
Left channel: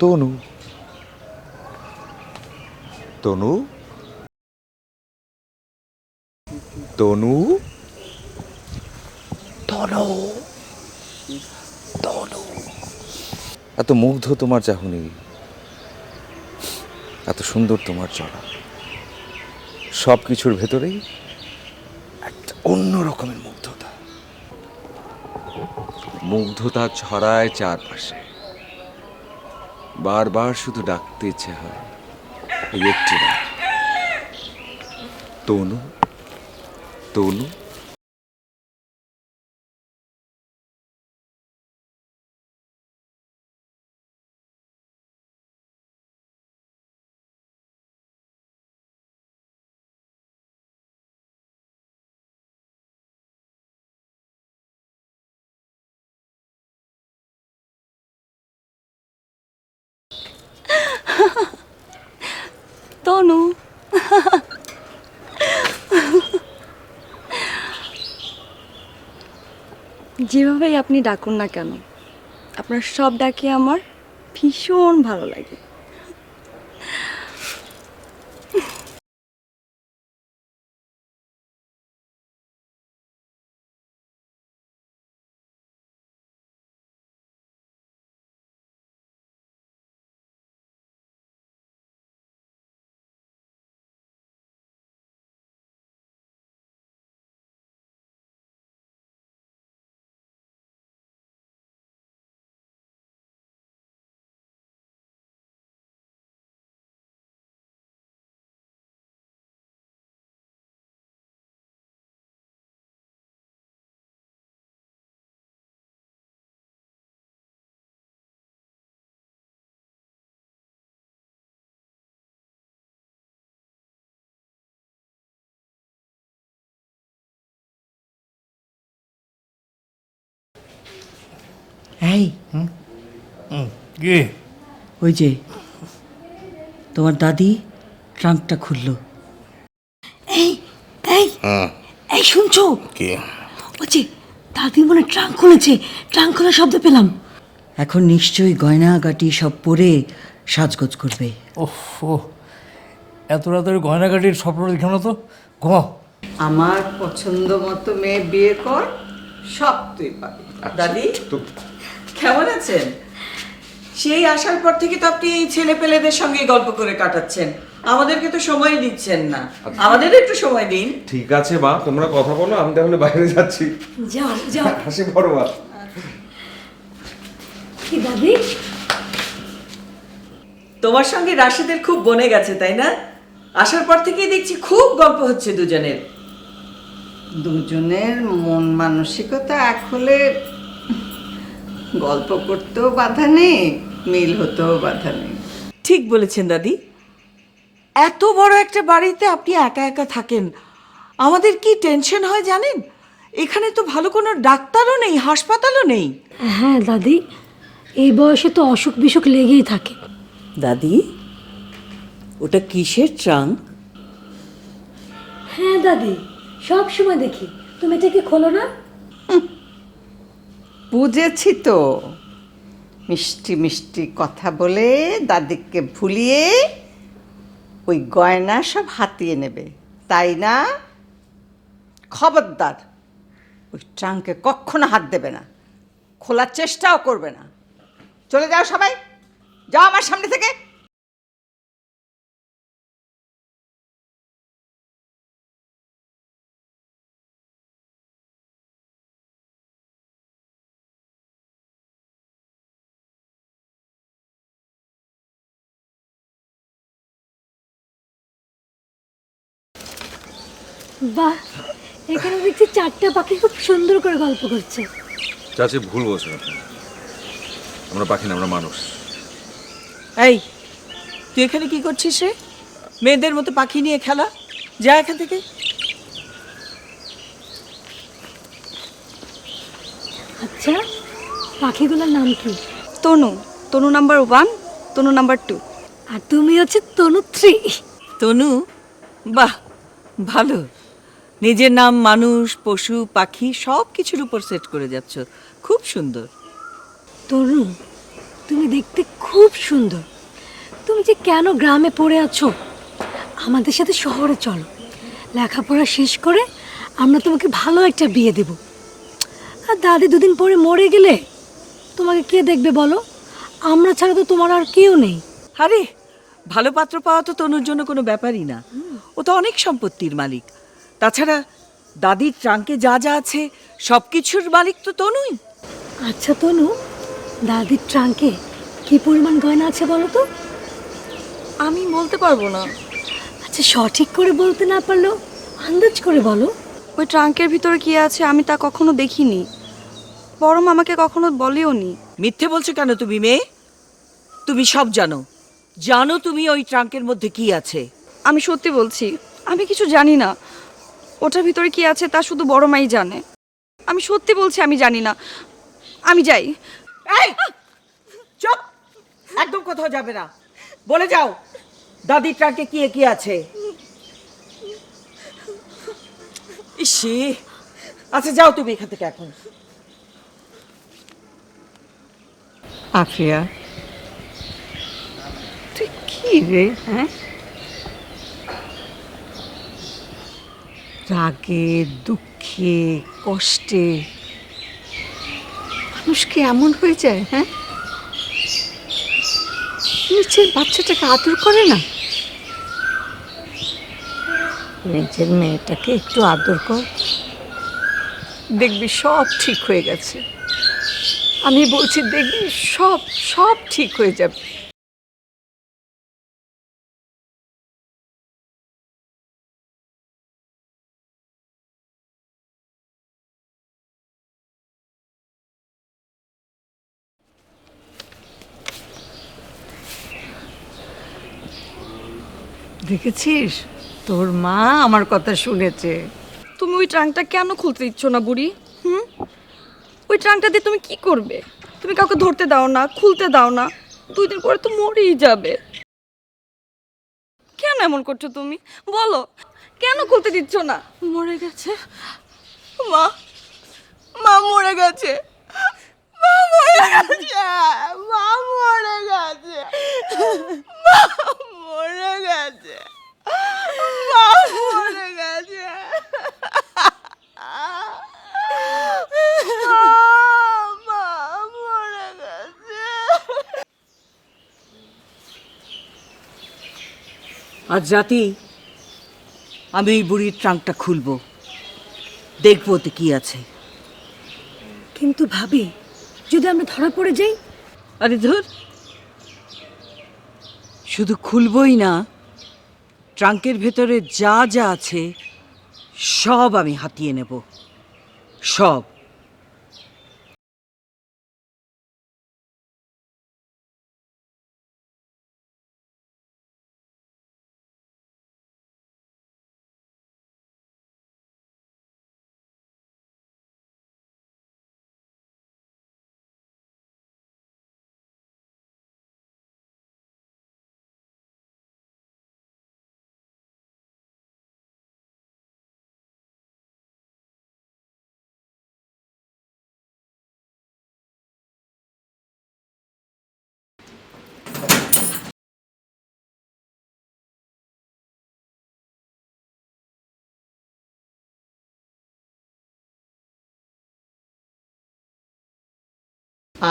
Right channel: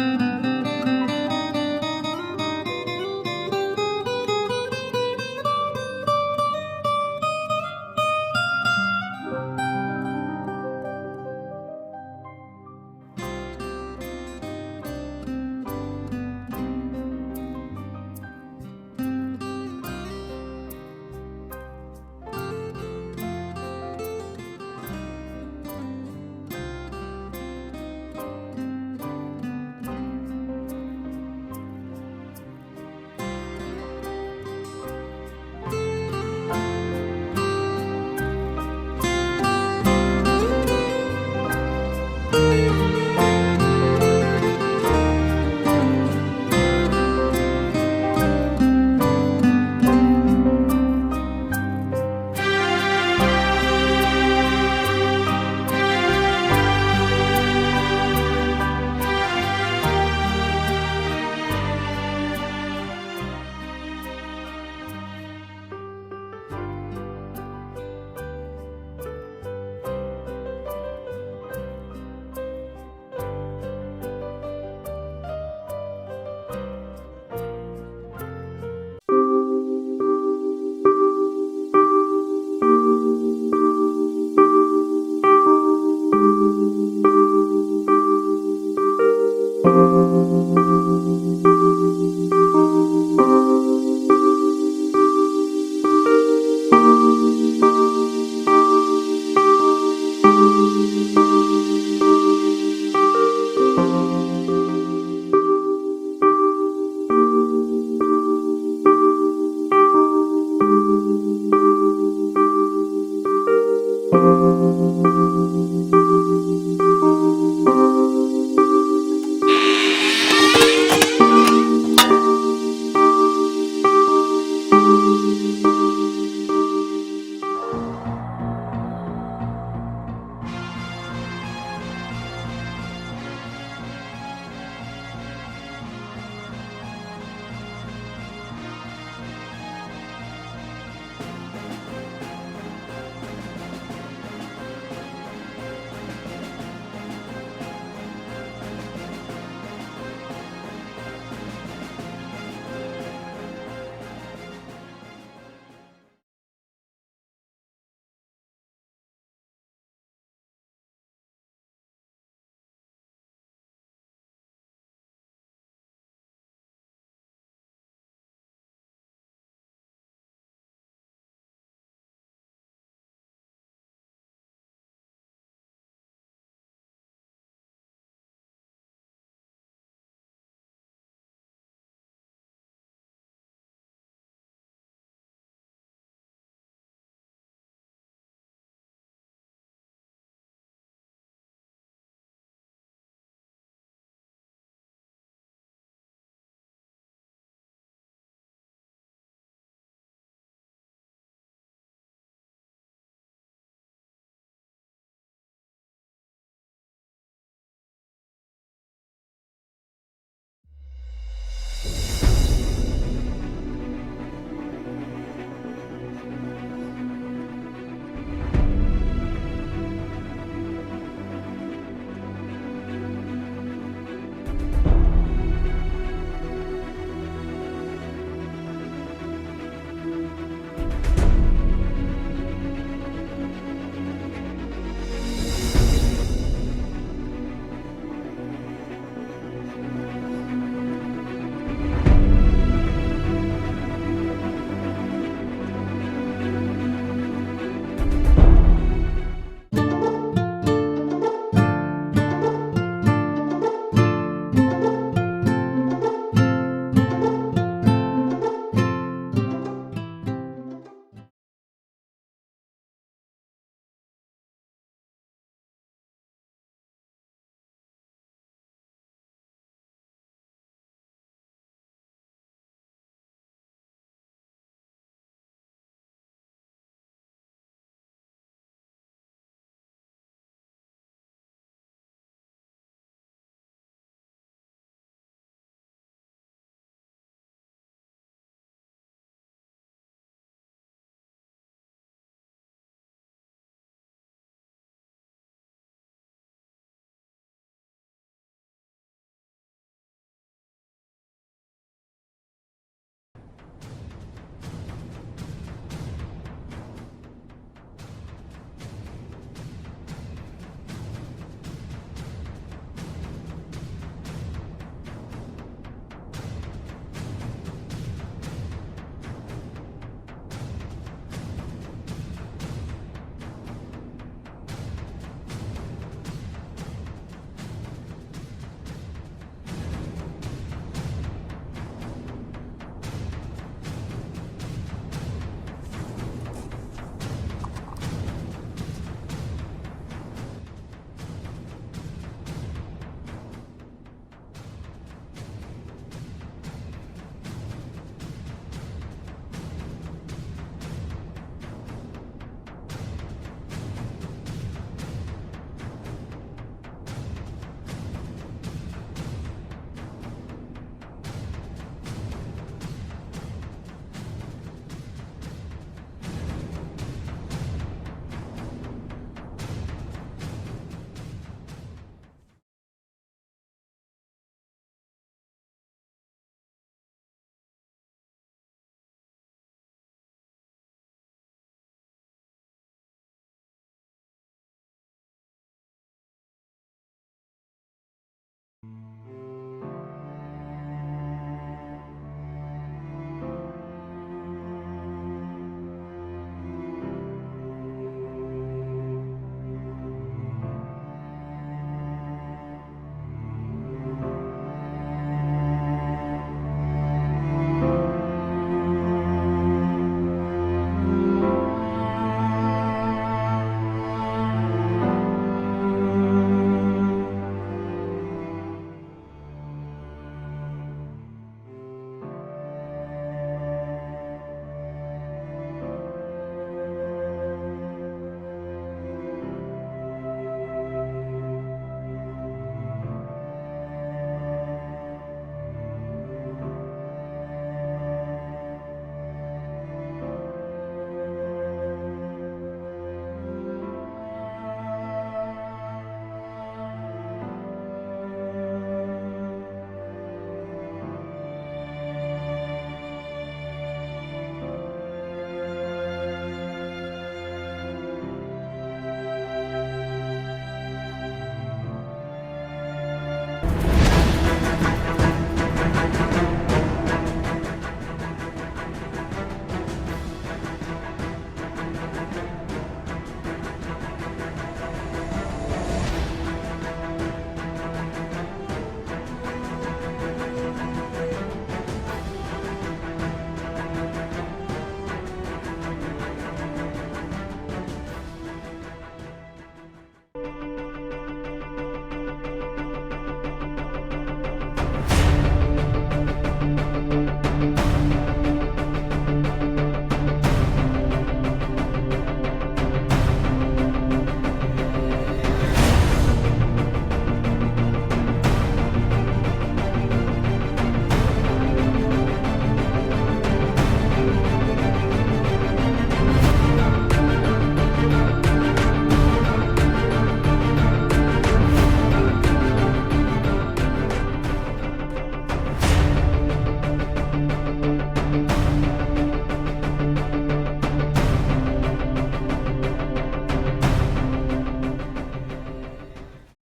তনু, তনু, তনু, তনু, তনু। এত মুগ্ধ তোমার চাহনি, এত সুন্দর তোমার চলা, সব কিছুর ভেতরেই একটা অন্য রকমের মুগ্ধতা। মুগ্ধতা ছড়ায় চারপাশে, বারবার শুধু ডাকতে ইচ্ছে হয় এই একটি নাম, তনু, তনু। তনু, যেভাবেই আপনি ডাকুন না কেন, আপনার সব ডাকে আমার ভীষণ ভালো লাগে। কি ওই যে তোমার দাদি ট্রাঙ্কটা খুললো। এই এই এই শুনছো? কি? ওই যে দাদি মনে ট্রাঙ্ক খুলেছে, ট্রাঙ্ক খোলার শব্দ পেলাম। এখন নিশ্চয়ই গয়নাগাটি সব পরে সাজগোজ করবে। এত রাতের গয়নাগাটির স্বপ্ন দেখো না তো, ঘুমাও। আমার পছন্দ মতো মেয়ে বিয়ে কর, সব তুই পাবি। দাদি কেমন আছেন? সেই আসার পর থেকে তো আপনি এই ছেলে পেলেদের সঙ্গে গল্প করে কাটাচ্ছেন, আমাদেরকে তো সময় দিচ্ছেন না। আমাদের একটু সময় দিন। ঠিক আছে মা, তোমরা কথা বলো, আমি তাহলে বাইরে যাচ্ছি। যাও যাও। হাসি বড় মা। কি দাদি? তোমার সঙ্গে রাশিদের খুব বনে গেছে তাই না? আসার পর থেকেই দেখছি খুব গল্প হচ্ছে দুজনের। দুজনের মন মানসিকতা এক হলে গল্প করতেও বাধা নেই, মিল হতেও বাধা নেই। ঠিক বলেছেন দাদি। এত বড় একটা বাড়িতে আপনি একা একা থাকেন, আমাদের কি টেনশন হয় জানেন? এখানে তো ভালো কোনো ডাক্তারও নেই, হাসপাতালও নেই। হ্যাঁ দাদি, এই বয়সে তো অসুখ বিসুখ লেগেই থাকে। দাদি ওটা কিসের ট্রাঙ্ক? হ্যাঁ দাদি, সব সময় দেখি। তুমি এটাকে খোলো না। বুঝেছি তো, মিষ্টি মিষ্টি কথা বলে দাদিকে ভুলিয়ে ওই গয়না সব হাতিয়ে নেবে, তাই না? খবরদার, ওই ট্রাঙ্কে কখনো হাত দেবে না, খোলার চেষ্টাও করবে না। চলে যাও সবাই, যাও আমার সামনে থেকে। বাহ, এখানে দেখছি 4টা পাখি খুব সুন্দর করে গল্প করছে। চাচি ভুল বলছেন আপনি, আমরা পাখি না, আমরা মানুষ। এই তুই এখানে কি করছিস রে? মেয়েদের মতো পাখি নিয়ে খেলা, যা এখান থেকে। আচ্ছা, পাখিগুলোর নাম কি? তনু, তনু নাম্বার 1, তনু নাম্বার 2। আর তুমি হচ্ছে তনু 3। তনু, বাহ ভালো। নিজের নাম মানুষ, পশু, পাখি সব কিছুর উপর সেট করে যাচ্ছ, খুব সুন্দর। তনু, তুমি দেখতে খুব সুন্দর। তুমি যে কেন গ্রামে পড়ে আছো? আমাদের সাথে শহরে চলো, লেখাপড়া শেষ করে আমরা তোমাকে ভালো একটা বিয়ে দেব। আর দাদি দুদিন পরে মরে গেলে তোমাকে কে দেখবে বলো? আমরা ছাড়া তো তোমার আর কেউ নেই। আরে ভালো পাত্র পাওয়া তো তনুর জন্য কোনো ব্যাপারই না, ও তো অনেক সম্পত্তির মালিক। তাছাড়া দাদির ট্রাঙ্কে যা যা আছে সব কিছুর মালিক তো তনুই। আচ্ছা তনু, দাদির ট্রাঙ্কে কি পরিমাণ গয়না আছে বলো তো? আমি বলতে পারবো না। আচ্ছা, সঠিক করে বলতে না পারলেও আন্দাজ করে বলো। ওই ট্রাঙ্কের ভিতরে কি আছে আমি তা কখনো দেখিনি, বড় মামাকে কখনো বলিও নি। মিথ্যে বলছো কেন তুমি মেয়ে? তুমি সব জানো, জানো তুমি ওই ট্রাঙ্কের মধ্যে কি আছে। আমি সত্যি বলছি, আমি কিছু জানি না। ওটার ভিতরে কি আছে তা শুধু বড় মাই জানে। আমি সত্যি বলছি, আমি জানি না। আমি যাই। এই চুপ, একদম কোথাও যাবে না, বলে যাও দাদির ট্রাঙ্কে কি কি আছে। ইসে, আচ্ছা যাও তুমি এখান থেকে এখন। আফিয়া, তুই কি রে? হ্যাঁ, রাগে, দুঃখে, কষ্টে মানুষ কি এমন হয়ে যায়? হ্যাঁ, নিচের বাচ্চাটাকে আদর করে না? নিজের মেয়েটাকে একটু আদর কর, দেখবি সব ঠিক হয়ে গেছে। আমি বলছি, দেখবি সব সব ঠিক হয়ে যাবে। দেখেছিস, তোর মা আমার কথা শুনেছে। তুমি ওই ট্রাঙ্কটা কেন খুলতে দিচ্ছ না বুড়ি? ওই ট্রাঙ্কটা দিয়ে তুমি কি করবে? তুমি কাউকে ধরতে দাও না, খুলতে দাও না, 2 দিন পরে তো মরেই যাবে। কেন এমন করছো তুমি? বলো, কেন খুলতে দিচ্ছ না? মরে গেছে মা, মা মরে গেছে, মা মরে গেছে, মা মরে গেছে, মা মরে গেছে, মা মরে গেছে, মা মরে গেছে। আজ রাতেই আমি ওই বুড়ির ট্রাঙ্কটা খুলবো, দেখবো ওতে কি আছে। কিন্তু ভাবি, যদি আমরা ধরা পড়ে যাই? আরে ধর, শুধু খুলবই না, ট্রাঙ্কের ভেতরে যা যা আছে সব আমি হাতিয়ে নেব, সব।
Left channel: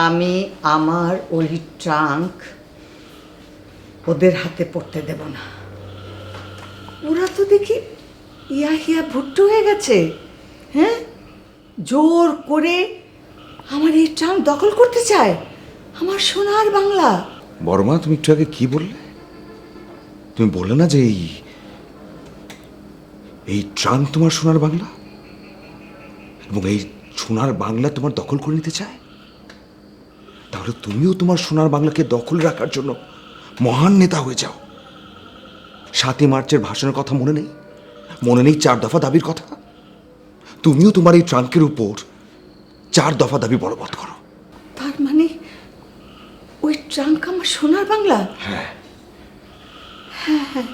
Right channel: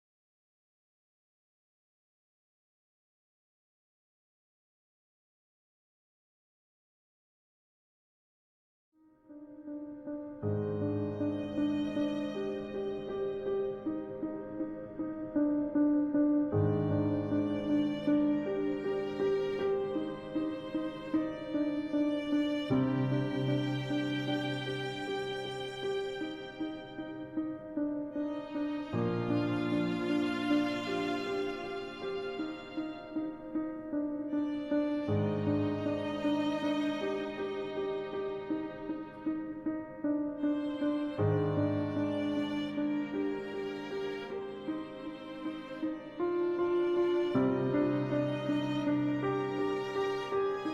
আমি আমার ওই ট্রাঙ্ক ওদের হাতে পড়তে দেব না। ওরা তো দেখি হিয়া ভুট্টো হয়ে গেছে। হ্যাঁ, জোর করে আমার এই ট্রাঙ্ক দখল করতে চায়, আমার সোনার বাংলা। বড় মা, তুমি একটু আগে কি বললে? তুমি বললে না যে এই ট্রাঙ্ক তোমার সোনার বাংলা, এবং এই সোনার বাংলা তোমার দখল করে নিতে চায়? তাহলে তুমিও তোমার সোনার বাংলাকে দখল রাখার জন্য মহান নেতা হয়ে যাও। 7ই মার্চের ভাষণের কথা মনে নেই? মনে নেই 4 দফা দাবির কথা? তুমিও তোমার এই ট্রাঙ্কের উপর 4 দফা দাবি বলবৎ করো। তার মানে ওই ট্রাঙ্ক আমার সোনার বাংলা? হ্যাঁ। হ্যাঁ হ্যাঁ,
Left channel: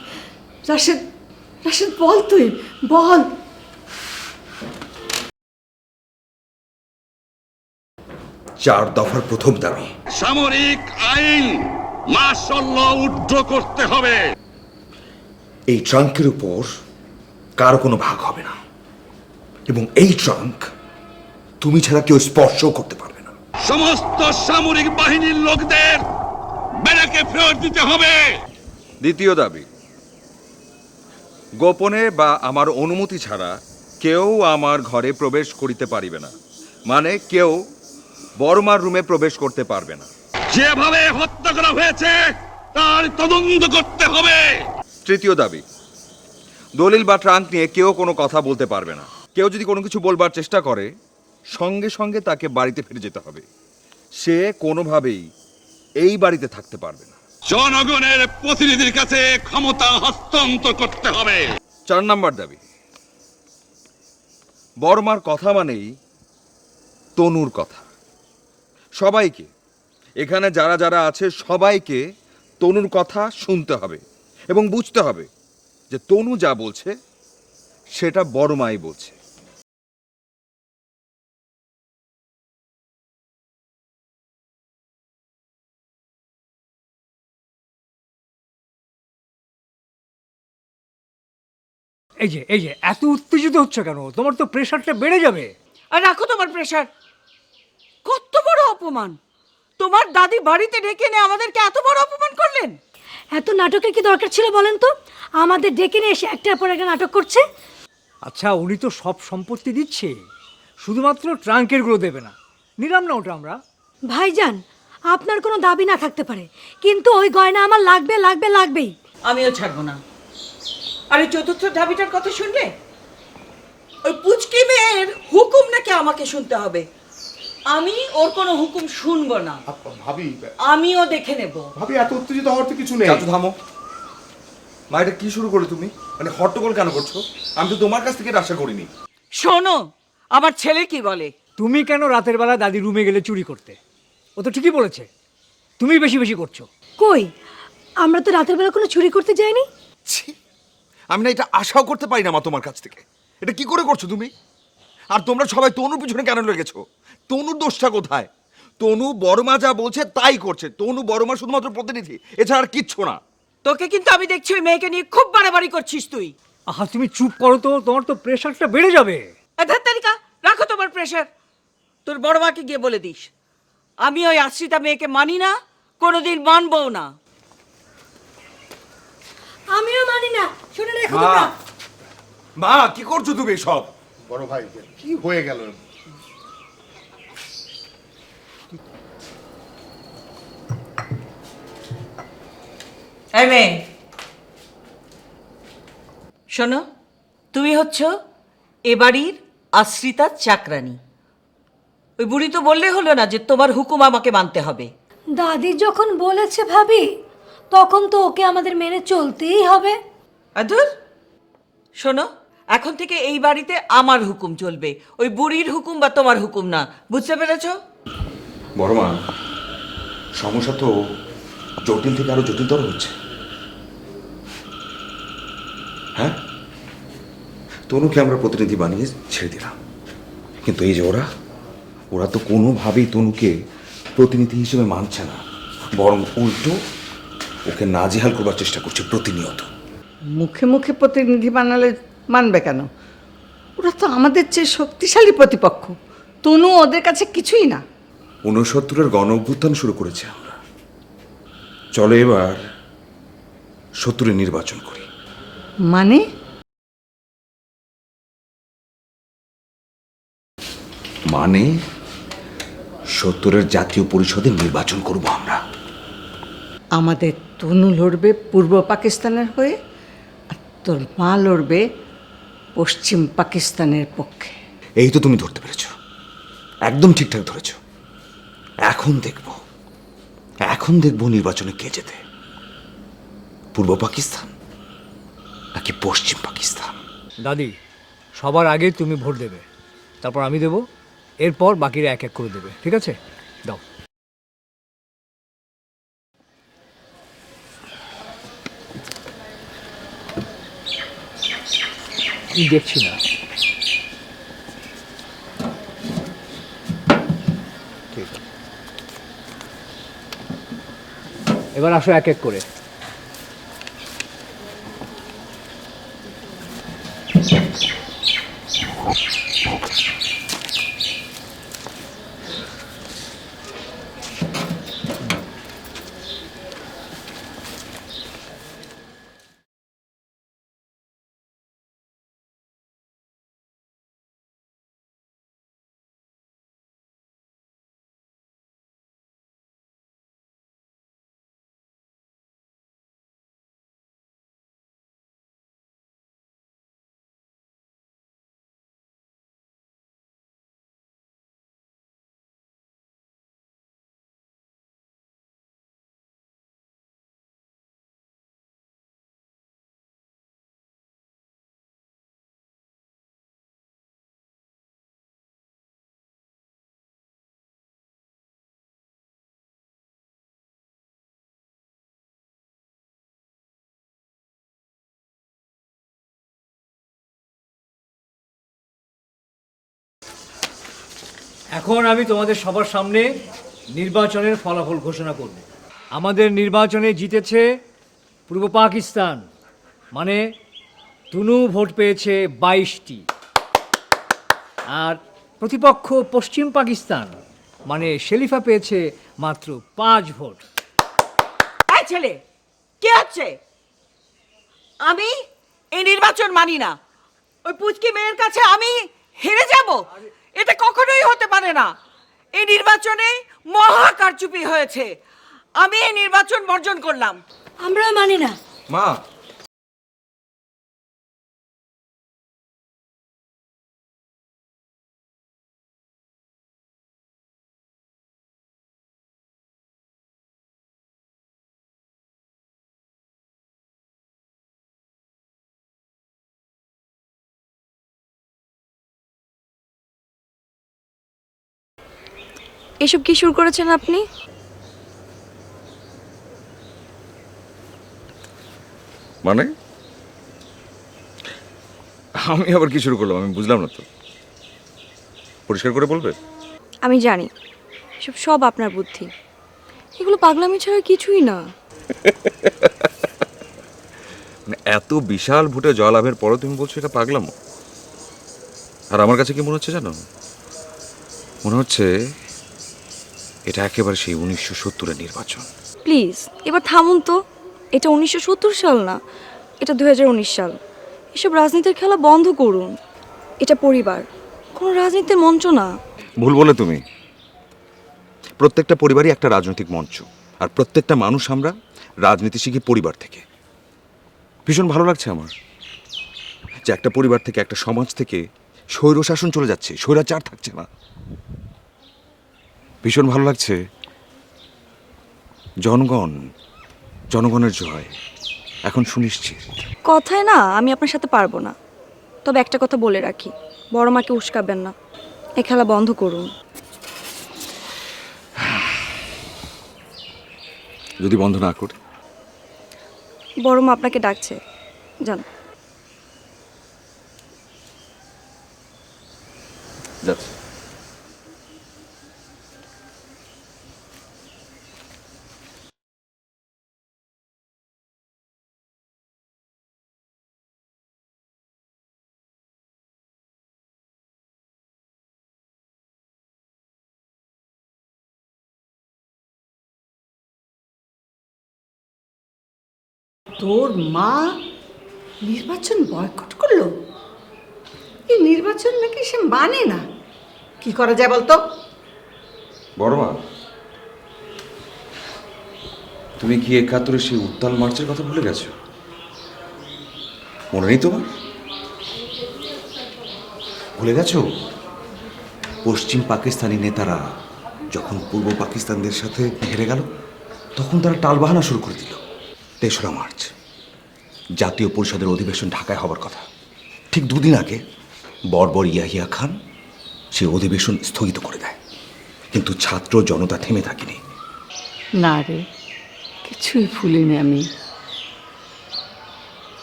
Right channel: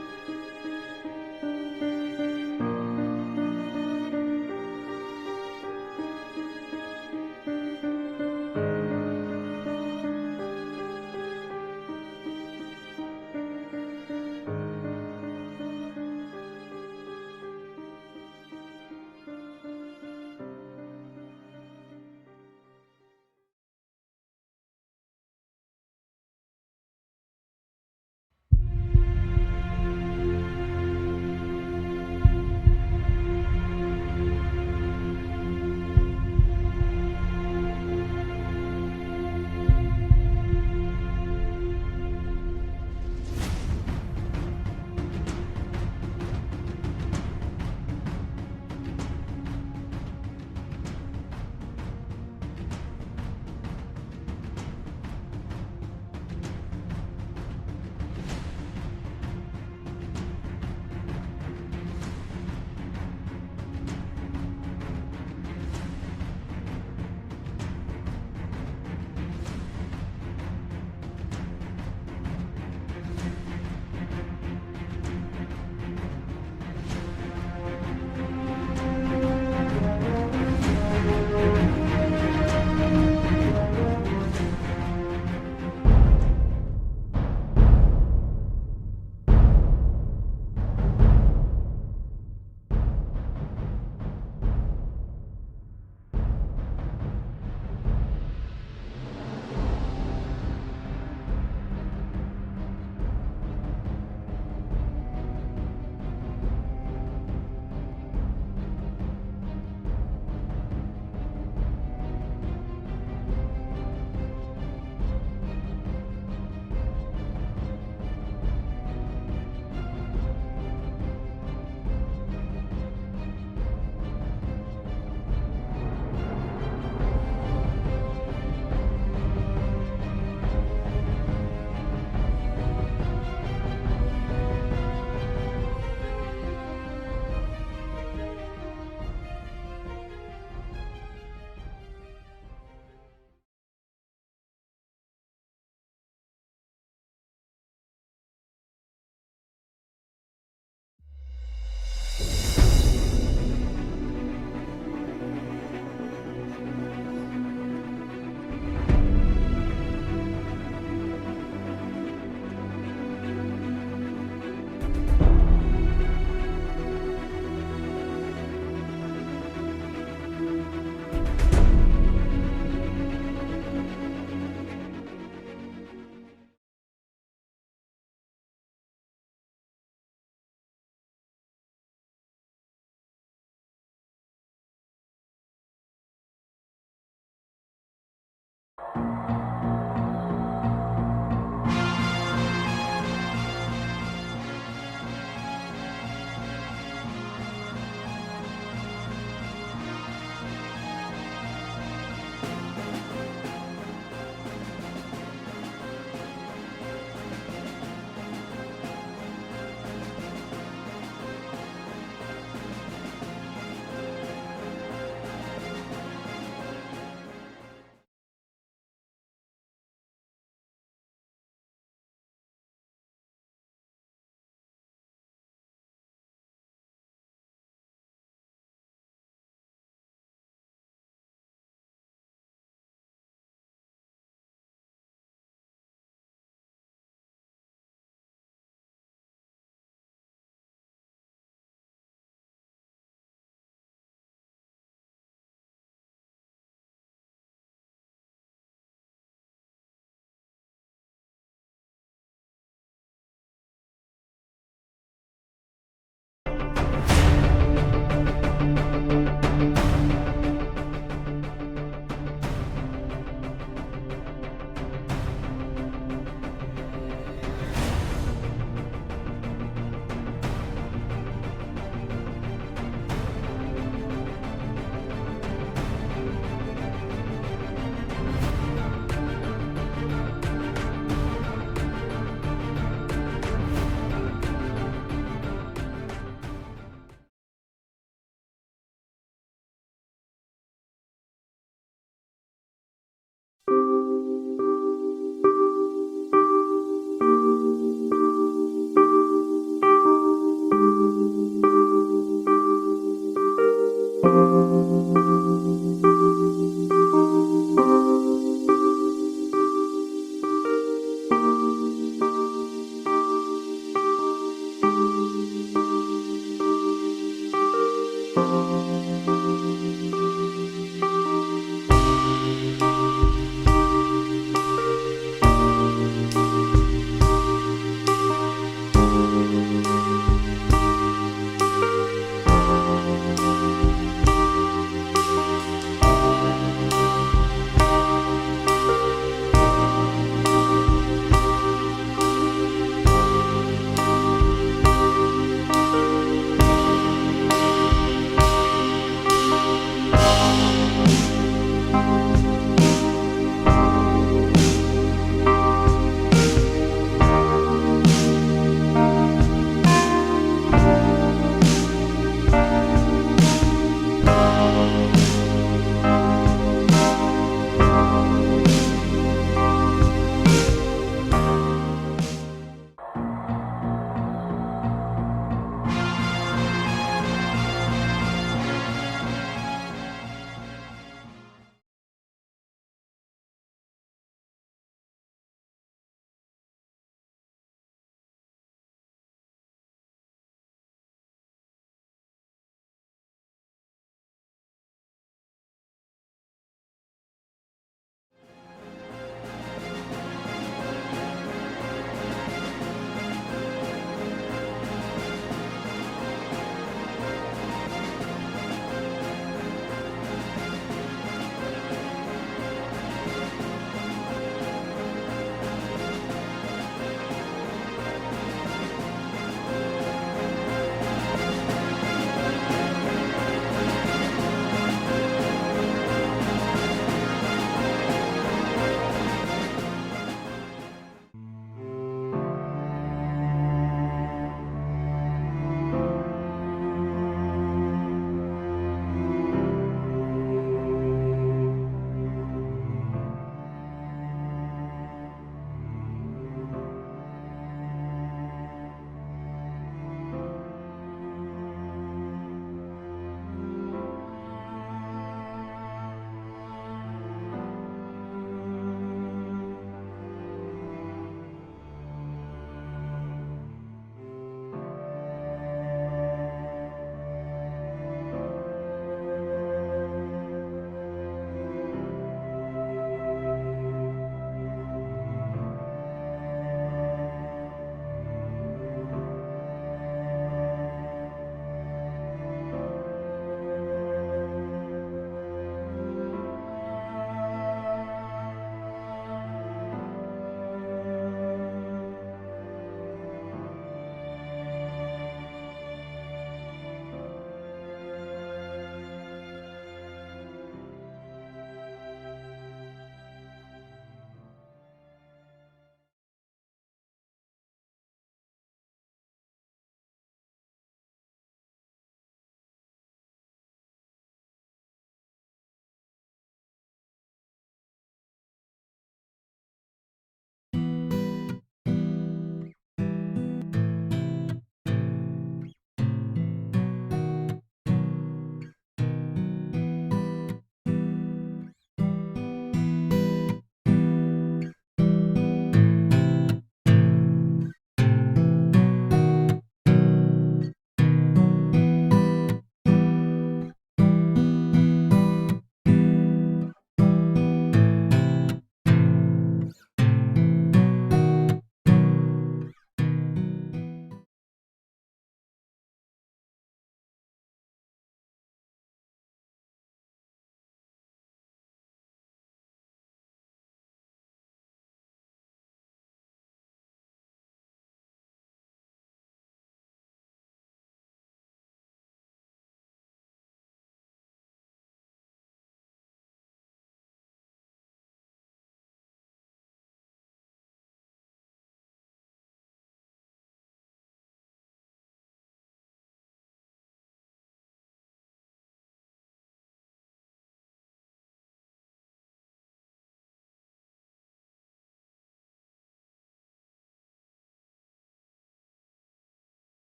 রাশেদ, রাশেদ বল, তুই বল। চার দফার প্রথম দাবি, সামরিক আইন মার্শাল ল উড্ড করতে হবে। এই ট্রাঙ্কের উপর কারো কোনো ভাগ হবে না, এবং এই ট্রাঙ্ক তুমি ছাড়া কেউ স্পর্শও করতে পারবে না। সমস্ত সামরিক বাহিনীর লোকদের ব্যারাকে ফেরত দিতে হবে। দ্বিতীয় দাবি, গোপনে বা আমার অনুমতি ছাড়া কেউ আমার ঘরে প্রবেশ করিতে পারিবে না, মানে কেউ বড়মার রুমে প্রবেশ করতে পারবে না। যেভাবে হত্যা করা হয়েছে তার তদন্ত করতে হবে। তৃতীয় দাবি, দলিল বা ট্রাঙ্ক নিয়ে কেউ কোনো কথা বলতে পারবে না। কেউ যদি কোনো কিছু বলবার চেষ্টা করে, সঙ্গে সঙ্গে তাকে বাড়িতে ফিরে যেতে হবে। সে কোনোভাবেই এই বাড়িতে থাকতে পারবে না। জনগণের প্রতিনিধির কাছে ক্ষমতা হস্তান্তর করতে হবে। 4 নম্বর দাবি, বড়মার কথা মানেই তনুর কথা। সবাইকে, এখানে যারা যারা আছে সবাইকে তনুর কথা শুনতে হবে এবং বুঝতে হবে যে তনু যা বলছে সেটা বড়মাই বলছে। এই যে এত উত্তেজিত হচ্ছে কেন? তোমার তো প্রেশারটা বেড়ে যাবে। আর রাখো তোমার প্রেশার। কত বড় অপমান! তোমার দাদি বাড়িতে ডেকে এনে আমাদেরকে এত বড় অপমান করলেন। এত নাটকের কি দরকার ছিল বলেন তো? আমাদের ডেকে নিয়ে এসে একটার পর একটা নাটক করছে। আচ্ছা, উনি তো সব সম্পত্তি দিচ্ছে, শুধুমাত্র ট্রাঙ্কের গুলো দেবে না। নিলাম না ওটা আমরা। ভাইজান, আপনার কোনো দাবি না থাকতে পারে, কিন্তু ওই গয়না আমার লাগবে লাগবে লাগবেই। আমিও ছাড়বো না। আরে চতুর্থ দাবিটার কথা শুনলে? ওই পুচকি মেয়ের হুকুম নাকি আমাকে শুনতে হবে। আমি ওর কোনো হুকুম শুনবো না। ভাবি, আমিও দেখে নেব। ভাবি এত উত্তেজিত হওয়ার তো কিছু নেই। চাচু থামো। বাইরে কি শুরু করে তুমি? মানে হট্টগোল কেন করছো? আমি তো তোমার কাছ থেকে এটা আশা করিনি। শোনো, আমার ছেলে কি বলে। তুমি কেন রাতের বেলা দাদি রুমে গেলে চুরি করতে? ও তো ঠিকই বলেছে, তুমি বেশি বেশি করছো। কই, আমরা তো রাতের বেলা কোনো চুরি করতে যাইনি। ছি, আমি না এটা আশাও করতে পারি না মা তোমার কাছ থেকে। এটা কি করে করছো তুমি? আর তোমরা সবাই তনুর পিছনে কেন লেগেছো? তনুর দোষটা কোথায়? তনু বড়মা যা বলছে তাই করছে। তনু বড়মা শুধুমাত্র প্রতিনিধি, এছাড়া আর কিচ্ছু না। তোকে কিন্তু আমি দেখছি ওই মেয়েকে নিয়ে খুব বাড়াবাড়ি করছিস তুই। আহা তুমি চুপ করো তো, তোমার তো প্রেশারটা বেড়ে যাবে। তালিকা রাখো তোমার প্রেশার। তোর বড় মাকে গিয়ে বলে দিস আমি ওই আশ্রিতা মেয়েকে মানি না, কোনোদিন মানবও না। আমিও মানি না, শুনে রেখো মা, তোমরা। মা কি করছো তুমি সব? বড় ভাই কি হয়ে গেল? এই মেয়ে শোনো, তুমি হচ্ছ এ বাড়ির আশ্রিতার চাকরানী। ওই বুড়ি তো বললে হলো না যে তোমার হুকুম আমাকে মানতে হবে। দাদি যখন বলেছে ভাবি, তখন তো ওকে আমাদের মেনে চলতেই হবে। আদুর শোনো, এখন থেকে এই বাড়িতে আমার হুকুম চলবে, ওই বুড়ির হুকুম বা তোমার হুকুম না। বুঝতে পেরেছো? বড়মা, সমস্যা তো জটিল থেকে আরো জটিলতর হচ্ছে। হ্যাঁ, তনুকে আমরা প্রতিনিধি বানিয়ে ছেড়ে দিলাম, কিন্তু এই যে ওরা তো কোনোভাবেই তনুকে প্রতিনিধি হিসেবে মানছে না, বরং উল্টো ওকে নাজেহাল করবার চেষ্টা করছে প্রতিনিয়ত। মুখে মুখে প্রতিনিধি বানালে মানবে কেন? ওরা তো আমাদের চেয়ে শক্তিশালী প্রতিপক্ষ। তনু ওদের কাছে কিছুই না। 69-এর গণ অভ্যুত্থান শুরু করেছে আমরা। চলো এবার 70-এর নির্বাচন করি। মানে? মানে 70-এর জাতীয় পরিষদের নির্বাচন করব আমরা। আমাদের তনু লড়বে পূর্ব পাকিস্তানের হয়ে, আর তোর মা লড়বে পশ্চিম পাকিস্তানের পক্ষে। এই তো তুমি ধরতে পেরেছো, একদম ঠিকঠাক ধরেছো। এখন দেখবো নির্বাচনে কে জেতে, পূর্ব পাকিস্তান নাকি পশ্চিম পাকিস্তান। দাদি, সবার আগে তুমি ভোট দেবে, তারপর আমি দেব, এরপর বাকিরা এক এক করে দেবে, ঠিক আছে? দাও। দেখছি না। এবার আসো এক এক করে। এখন আমি তোমাদের সবার সামনে নির্বাচনের ফলাফল ঘোষণা করব। আমাদের নির্বাচনে জিতেছে পূর্ব পাকিস্তান, মানে তনু ভোট পেয়েছে 22টি, আর প্রতিপক্ষ পশ্চিম পাকিস্তান মানে শেলিফা পেয়েছে মাত্র 5 ভোট। এই ছেলে কে আছে? আমি এই নির্বাচন মানি না। ওই পুচকি মেয়ের কাছে আমি হেরে যাব, এটা কখনোই হতে পারে না। এই নির্বাচনে মহা কারচুপি হয়েছে, আমি এই নির্বাচন বর্জন করলাম। আমরাও মানি না। মা, এসব কি শুরু করেছেন আপনি? মানে আমি আবার কি শুরু করলাম আমি বুঝলাম না তো, পরিষ্কার করে বলবে? আমি জানি এসব সব আপনার বুদ্ধি, এগুলো পাগলামি ছাড়া কিছুই না। মানে এত বিশাল ভোটে জয়লাভের পরও তুমি বলছো এটা পাগলাম? আর আমার কাছে কি মনে হচ্ছে জানো? মনে হচ্ছে এটা একেবারে সেই 1970-এর নির্বাচন। প্লিজ এবার থামুন তো। এটা 1970 সাল না, এটা 2019 সাল। এসব রাজনীতির খেলা বন্ধ করুন। এটা পরিবার, কোনো রাজনীতির মঞ্চ না। ভুল বলে তুমি। প্রত্যেকটা পরিবারই একটা রাজনৈতিক মঞ্চ, আর প্রত্যেকটা মানুষ আমরা রাজনীতি শিখি পরিবার থেকে। ভীষণ ভালো লাগছে আমার যে একটা পরিবার থেকে, একটা সমাজ থেকে স্বৈরশাসন চলে যাচ্ছে, স্বৈরাচার থাকছে না। ভীষণ ভালো লাগছে জনগণের জয় এখন সুনিশ্চিত। কথায় না আমি আপনার সাথে পারবো না, তবে একটা কথা বলে রাখি, বড় মাকে উস্কাবেন না। এই খেলা বন্ধ করুন। যদি বন্ধ না করি? বড় মা আপনাকে ডাকছে, যান। যাচ্ছে। তোর মা নির্বাচন বয়কট করলো? এই নির্বাচন নাকি সে মানে না। কি করা যায় বলতো? বড় মা, তুমি কি 71-এর সেই উত্তাল মার্চের কথা ভুলে গেছো? মনে নেই তোমার? ভুলে গেছো পশ্চিম পাকিস্তানি নেতারা যখন পূর্ব পাকিস্তানদের সাথে হেরে গেল, তখন তারা টালবাহানা শুরু করে দিল। 3রা মার্চ জাতীয় পরিষদের অধিবেশন ঢাকায় হবার কথা। ঠিক 2 দিন আগে বর্বর ইয়াহিয়া খান সেই অধিবেশন স্থগিত করে দেয়। কিন্তু ছাত্র জনতা থেমে থাকেনি। না রে, কিছুই ভুলিনি আমি।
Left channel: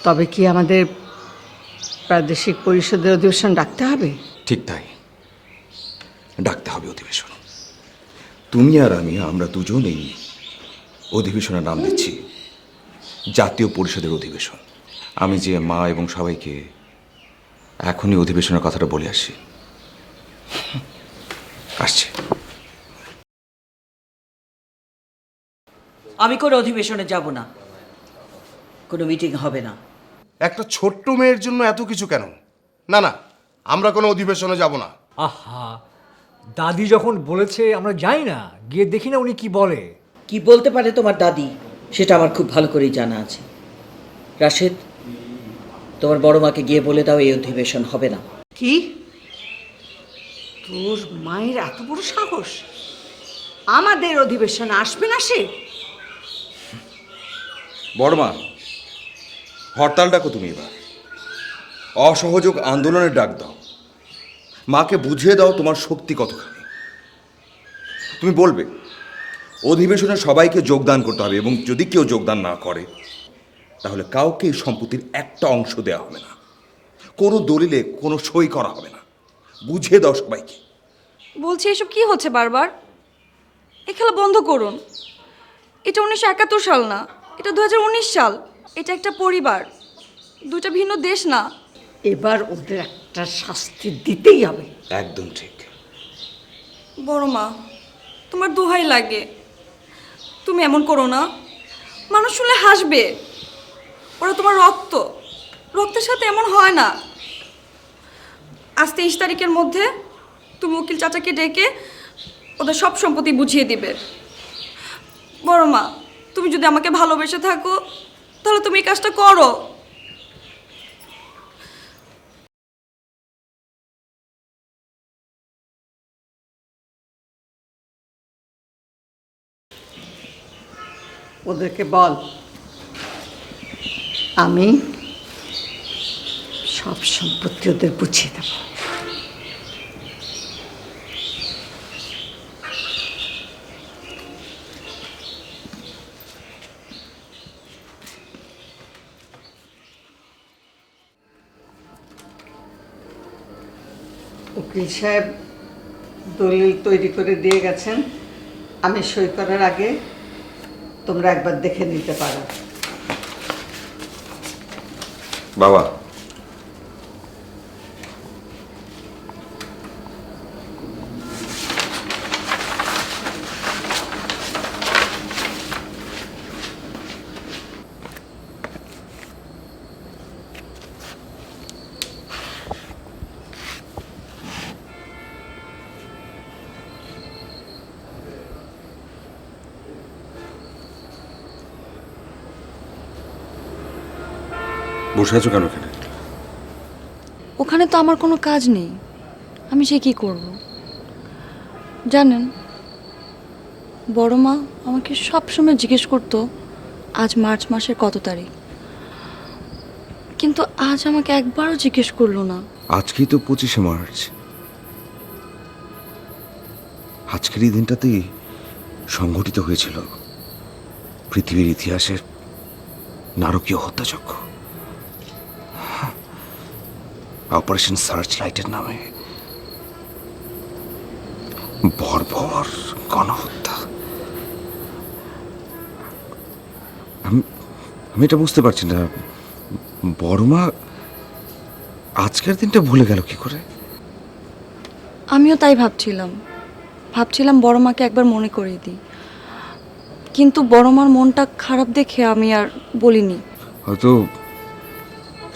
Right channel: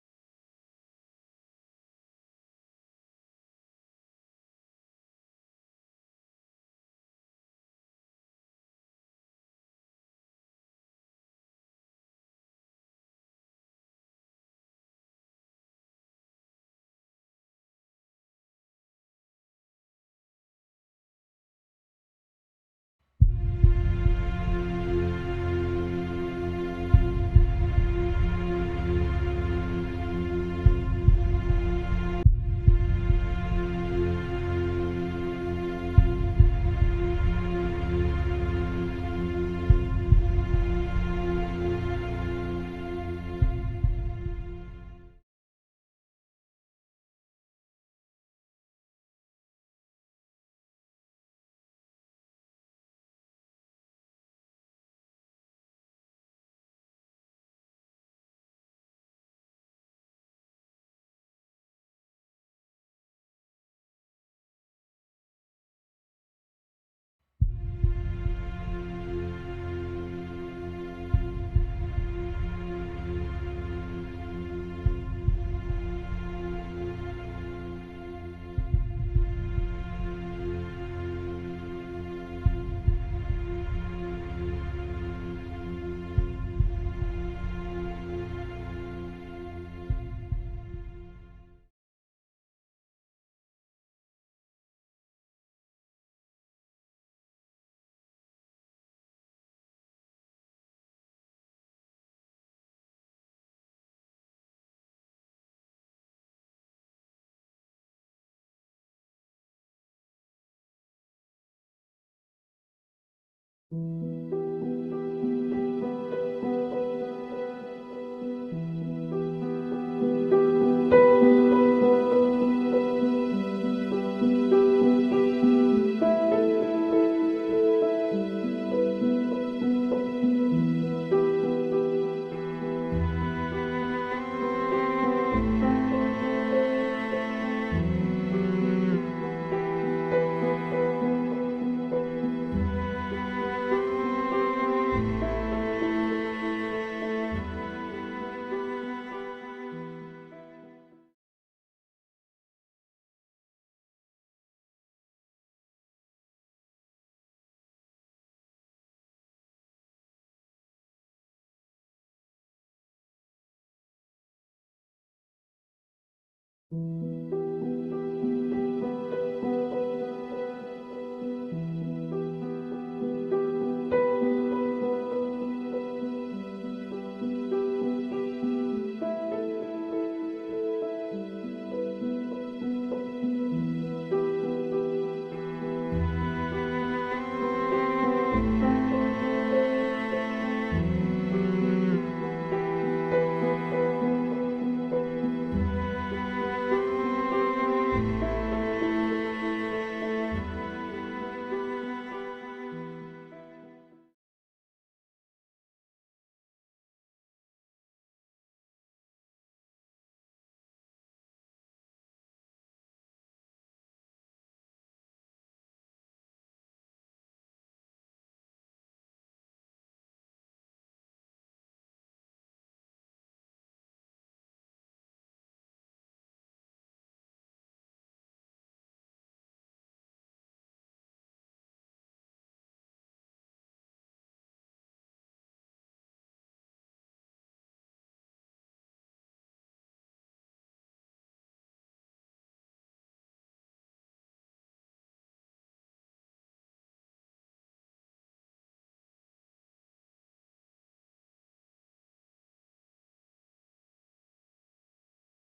তবে কি আমাদের প্রাদেশিক পরিষদের অধিবেশন ডাকতে হবে? ঠিক তাই, ডাকতে হবে অধিবেশন। তুমি আর আমরা দুজন এই অধিবেশনের নাম দিচ্ছি জাতীয় পরিষদের অধিবেশন। আমি যে মা এবং সবাইকে এখনই অধিবেশনের কথাটা বলে আসি। আসছি। আমি কোনো অধিবেশনে যাব না, কোনো মিটিং হবে না। একটা ছোট্ট মেয়ের জন্য এত কিছু কেন? না না, আমরা কোনো অধিবেশনে যাব না। আহা, দাদি যখন বলেছে আমরা যাই না, গিয়ে দেখি না উনি কি বলে। কি বলতে পারে তোমার দাদি সেটা আমার খুব ভালো করেই জানা আছে। রাশেদ, তোমার বড় মাকে গিয়ে বলে দাও এই অধিবেশন হবে না। কি? তোর মায়ের এত বড় সাহস আমাদের অধিবেশনে আসবে না সে? বড় মা, হরতাল ডাকো তুমি এবার, অসহযোগ আন্দোলনের ডাক দাও। মাকে বুঝিয়ে দাও তোমার শক্তি কতখানি। তুমি বলবে অধিবেশনে সবাইকে যোগদান করতে হবে, এবং যদি কেউ যোগদান না করে তাহলে কাউকে এই সম্পত্তির একটা অংশ দেওয়া হবে না, কোনো দলিলে কোনো সই করা হবে না। বুঝিয়ে দাও সবাইকে। বলছি এসব কি হচ্ছে বারবার? এই খেলা বন্ধ করুন। এটা 1971 সাল না, এটা 2019 সাল। এটা একটা পরিবার, দুটো ভিন্ন দেশ না। এবার ওদের একটা শাস্তি দিতেই হবে। একদম ঠিক। বড় মা, তোমার দোহাই লাগে, তুমি এমন করো না। মানুষ শুনলে হাসবে। ওরা তোমার রক্তের সাথে এমন হয় না। আজ 23 তারিখের মধ্যে তুমি উকিল চাচাকে ডেকে ওদের সব সম্পত্তি বুঝিয়ে দিবে। বড় মা, তুমি যদি আমাকে ভালোবেসে থাকো তাহলে তুমি এই কাজটা করো। ওদেরকে বল আমি সব সম্পত্তি ওদের বুঝিয়ে দেব। উকিল সাহেব দলিল তৈরি করে দিয়ে গেছেন, আমি সই করার আগে তোমরা একবার দেখে নিতে পারো। বাবা, বসে আছো কেন এখানে? ওখানে তো আমার কোনো কাজ নেই, আমি সে কি করব? জানেন, বড় মা আমাকে সবসময় জিজ্ঞেস করতো আজ মার্চ মাসের কত তারিখ, কিন্তু আজ আমাকে একবারও জিজ্ঞেস করলো না। আজকেই তো 25শে মার্চ। আজকের এই দিনটাতেই সংঘটিত হয়েছিল পৃথিবীর ইতিহাসের নারকীয় হত্যাযজ্ঞ, অপারেশন সার্চ লাইটের নামে বর্বর গণহত্যা। আমি এটা বুঝতে পারছি না, বড়মা আজকের দিনটা ভুলে গেল কি করে? আমিও তাই ভাবছিলাম বড় মাকে একবার মনে করিয়ে দিই, কিন্তু বড় মার মনটা খারাপ দেখে আমি আর বলিনি। হয়তো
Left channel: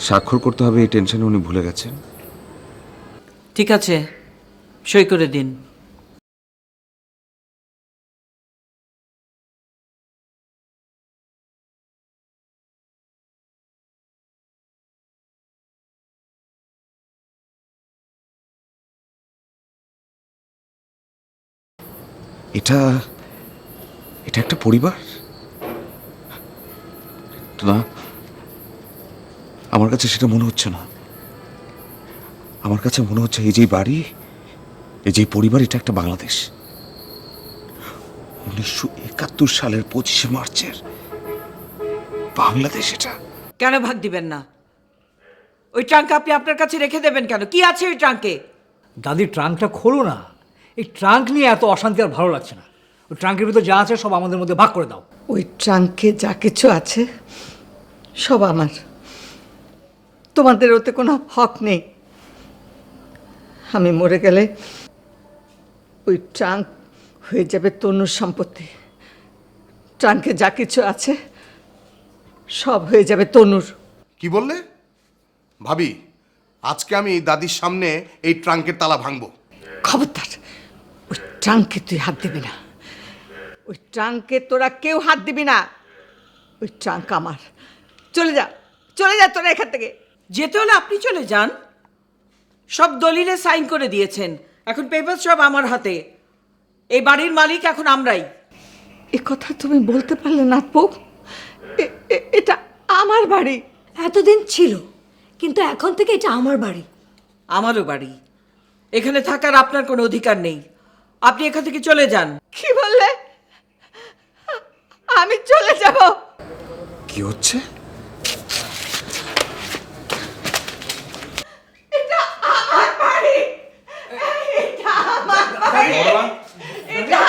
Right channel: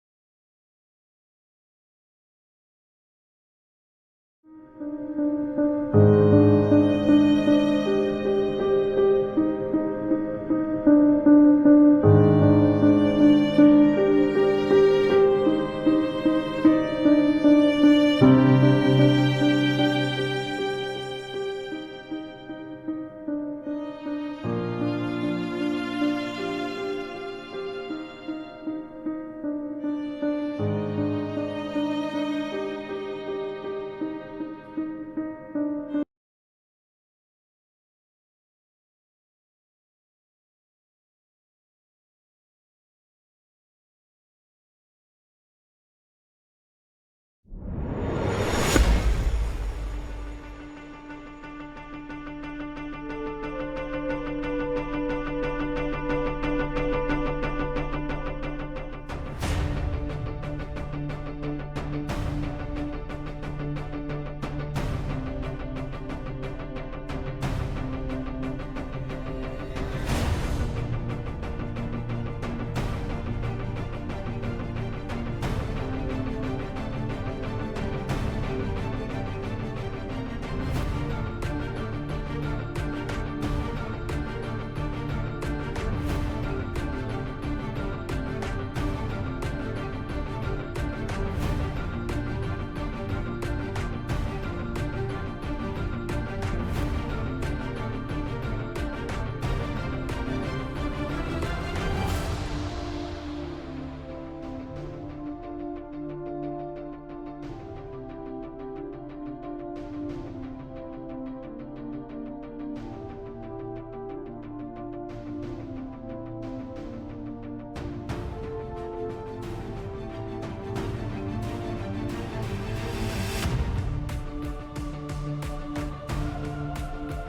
স্বাক্ষর করতে হবে এই টেনশনে উনি ভুলে গেছেন। ঠিক আছে, সই করে দিন। এটা এটা একটা পরিবার তো না? আমার কাছে সেটা মনে হচ্ছে না। আমার কাছে মনে হচ্ছে এই যে বাড়ি, এই যে পরিবার, এটা একটা বাংলাদেশ। 1971 সালের 25শে মার্চের বাংলাদেশ এটা। কেন ভাগ দিবেন না? ওই ট্রাঙ্ক আপনি আপনার কাছে রেখে দেবেন কেন? কি আছে ওই ট্রাঙ্কে? দাদি, ট্রাঙ্কটা খোলো না। এই ট্রাঙ্ক নিয়ে এত অশান্তি আর ভালো লাগছে না। ওই ট্রাঙ্কের ভিতর যা আছে সব আমাদের মধ্যে ভাগ করে দাও। ওই ট্রাঙ্কে যা কিছু আছে সব আমার, তোমাদের ওতে কোনো হক নেই। আমি মরে গেলে ওই ট্রাঙ্ক হয়ে যাবে তনুর সম্পত্তি। ট্রাঙ্কে যা কিছু আছে সব হয়ে যাবে তনুর। কি বললে ভাবি? আজকে আমি দাদির সামনে এই ট্রাঙ্কের তালা ভাঙবো। খবরদার, ওই ট্রাঙ্কে তুই হাত দিবি না। ওই ট্রাঙ্কে তোরা কেউ হাত দিবি না। ওই ট্রাঙ্ক আমার। চলে যা, চলে যা তোরা এখান থেকে। যেতে হলে আপনি চলে যান। সব দলিলে সাইন করে দিয়েছেন, এখন পেপার সব আমার হাতে। এই বাড়ির মালিক এখন আমরাই। এ কথা তুমি বলতে পারলে না পোপ? এটা আমার বাড়ি। এতদিন ছিল, কিন্তু এখন থেকে এটা আমার বাড়ি। আমারও বাড়ি। এখানে থাকার আপনার কোনো অধিকার নেই। আপনি এখান থেকে চলে যান। কি বললে? আমি চলে যাব? কি হচ্ছে? এটা আমার বাড়ি। এটা আমার বাড়ি। এটা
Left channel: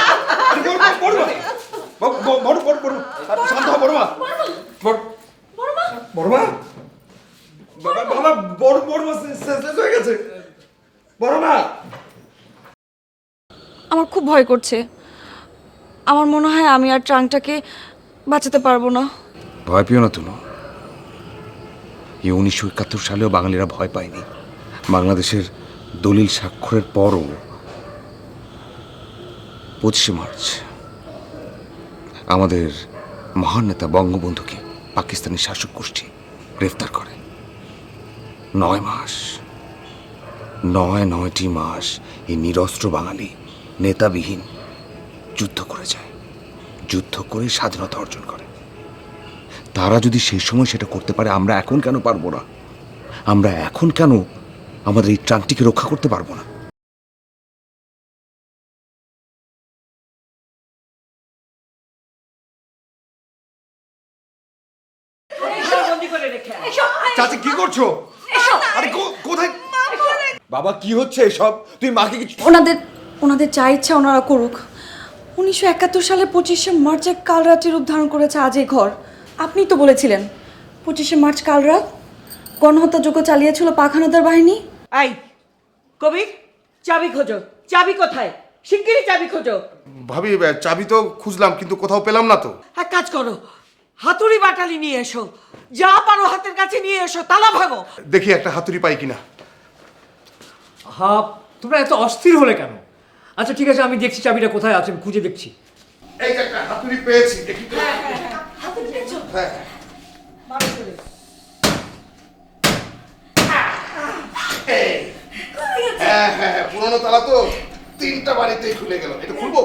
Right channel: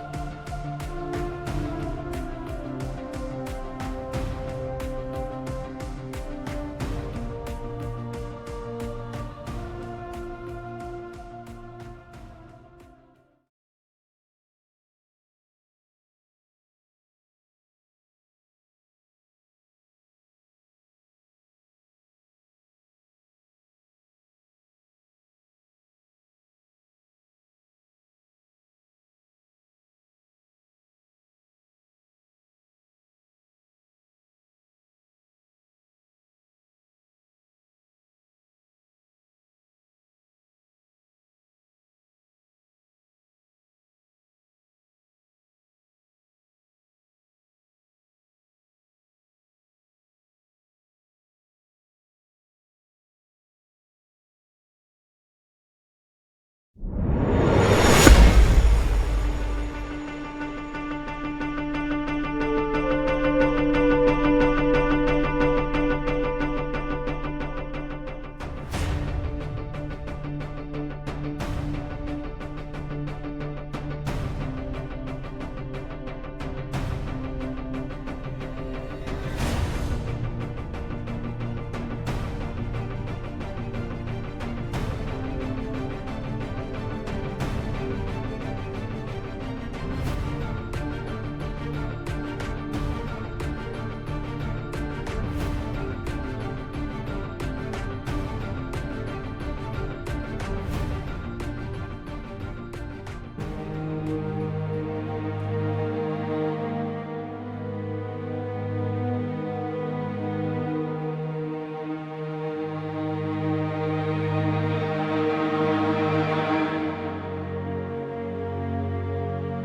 আমার খুব ভয় করছে। আমার মনে হয় আমি আর ট্রাঙ্কটাকে বাঁচাতে পারবো না। ভয় পেও না তুমি। এই 1971 সালেও বাঙালিরা ভয় পায়নি। বাংলাদেশের দলিল স্বাক্ষরের পরও 25শে মার্চ আমাদের মহান নেতা বঙ্গবন্ধুকে পাকিস্তানি শাসক গোষ্ঠী গ্রেফতার করে। 9টি মাস এই নিরস্ত্র বাঙালি নেতাবিহীন যুদ্ধ করে যায়, যুদ্ধ করে স্বাধীনতা অর্জন করে। তারা যদি সেই সময় সেটা করতে পারে, আমরা এখন কেন পারবো না? আমরা এখন কেন আমাদের এই ট্রাঙ্কটিকে রক্ষা করতে পারবো না? চাচি কি করছো? আরে কোথায়? বাবা কি হচ্ছে এসব? তুই মাকে কিছু ওনাদের যা ইচ্ছা ওনারা করুক। 1971 সালে 25শে মার্চে কাল রাত্রি রূপ ধারণ করেছে আজ এই ঘর। আপনিই তো বলেছিলেন 25শে মার্চ কাল রাত গণহত্যাযজ্ঞ চালিয়েছিল পাক হানাদার বাহিনী। এই কবি, চাবি খোঁজো। চাবি কোথায়? শিগগিরই চাবি খোঁজো। ভাবি চাবি তো খুঁজলাম কিন্তু কোথাও পেলাম না তো। এক কাজ করো, হাতুড়ি বাটালি নিয়ে এসো, যা পারো হাতের কাছে নিয়ে এসো, তালা ভাঙো। দেখি একটা হাতুড়ি পাই কিনা। হাপ, তোমরা এত অস্থির হলে কেন? আচ্ছা ঠিক আছে, আমি দেখছি চাবিটা কোথায় আছে, আমি খুঁজে দেখছি। এই যে একটা হাতুড়ি পেয়েছি। হ্যাঁ পুরোনো তালা তো 3টা বাড়িতেই খুলে গেল। এটা খুলবো?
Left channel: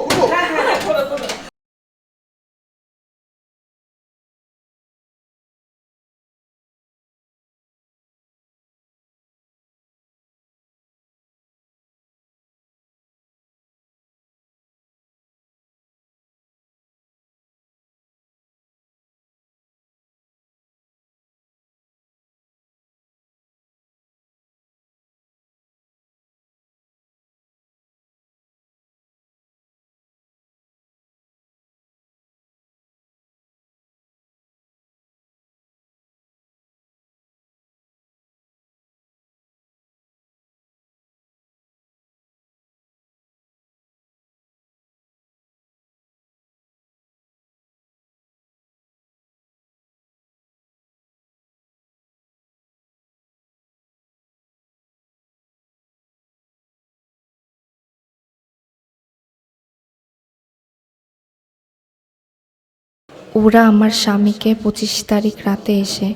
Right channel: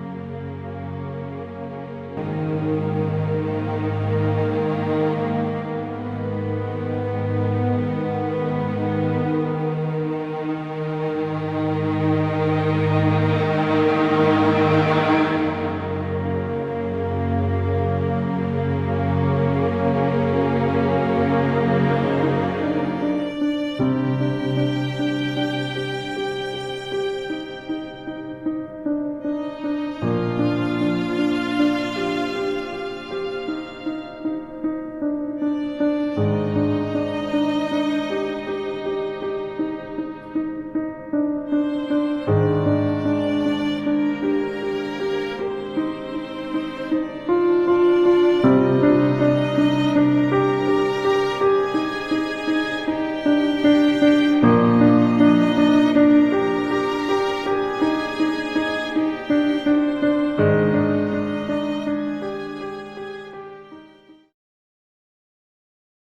ওরা আমার স্বামীকে 25 তারিখ রাতে এসে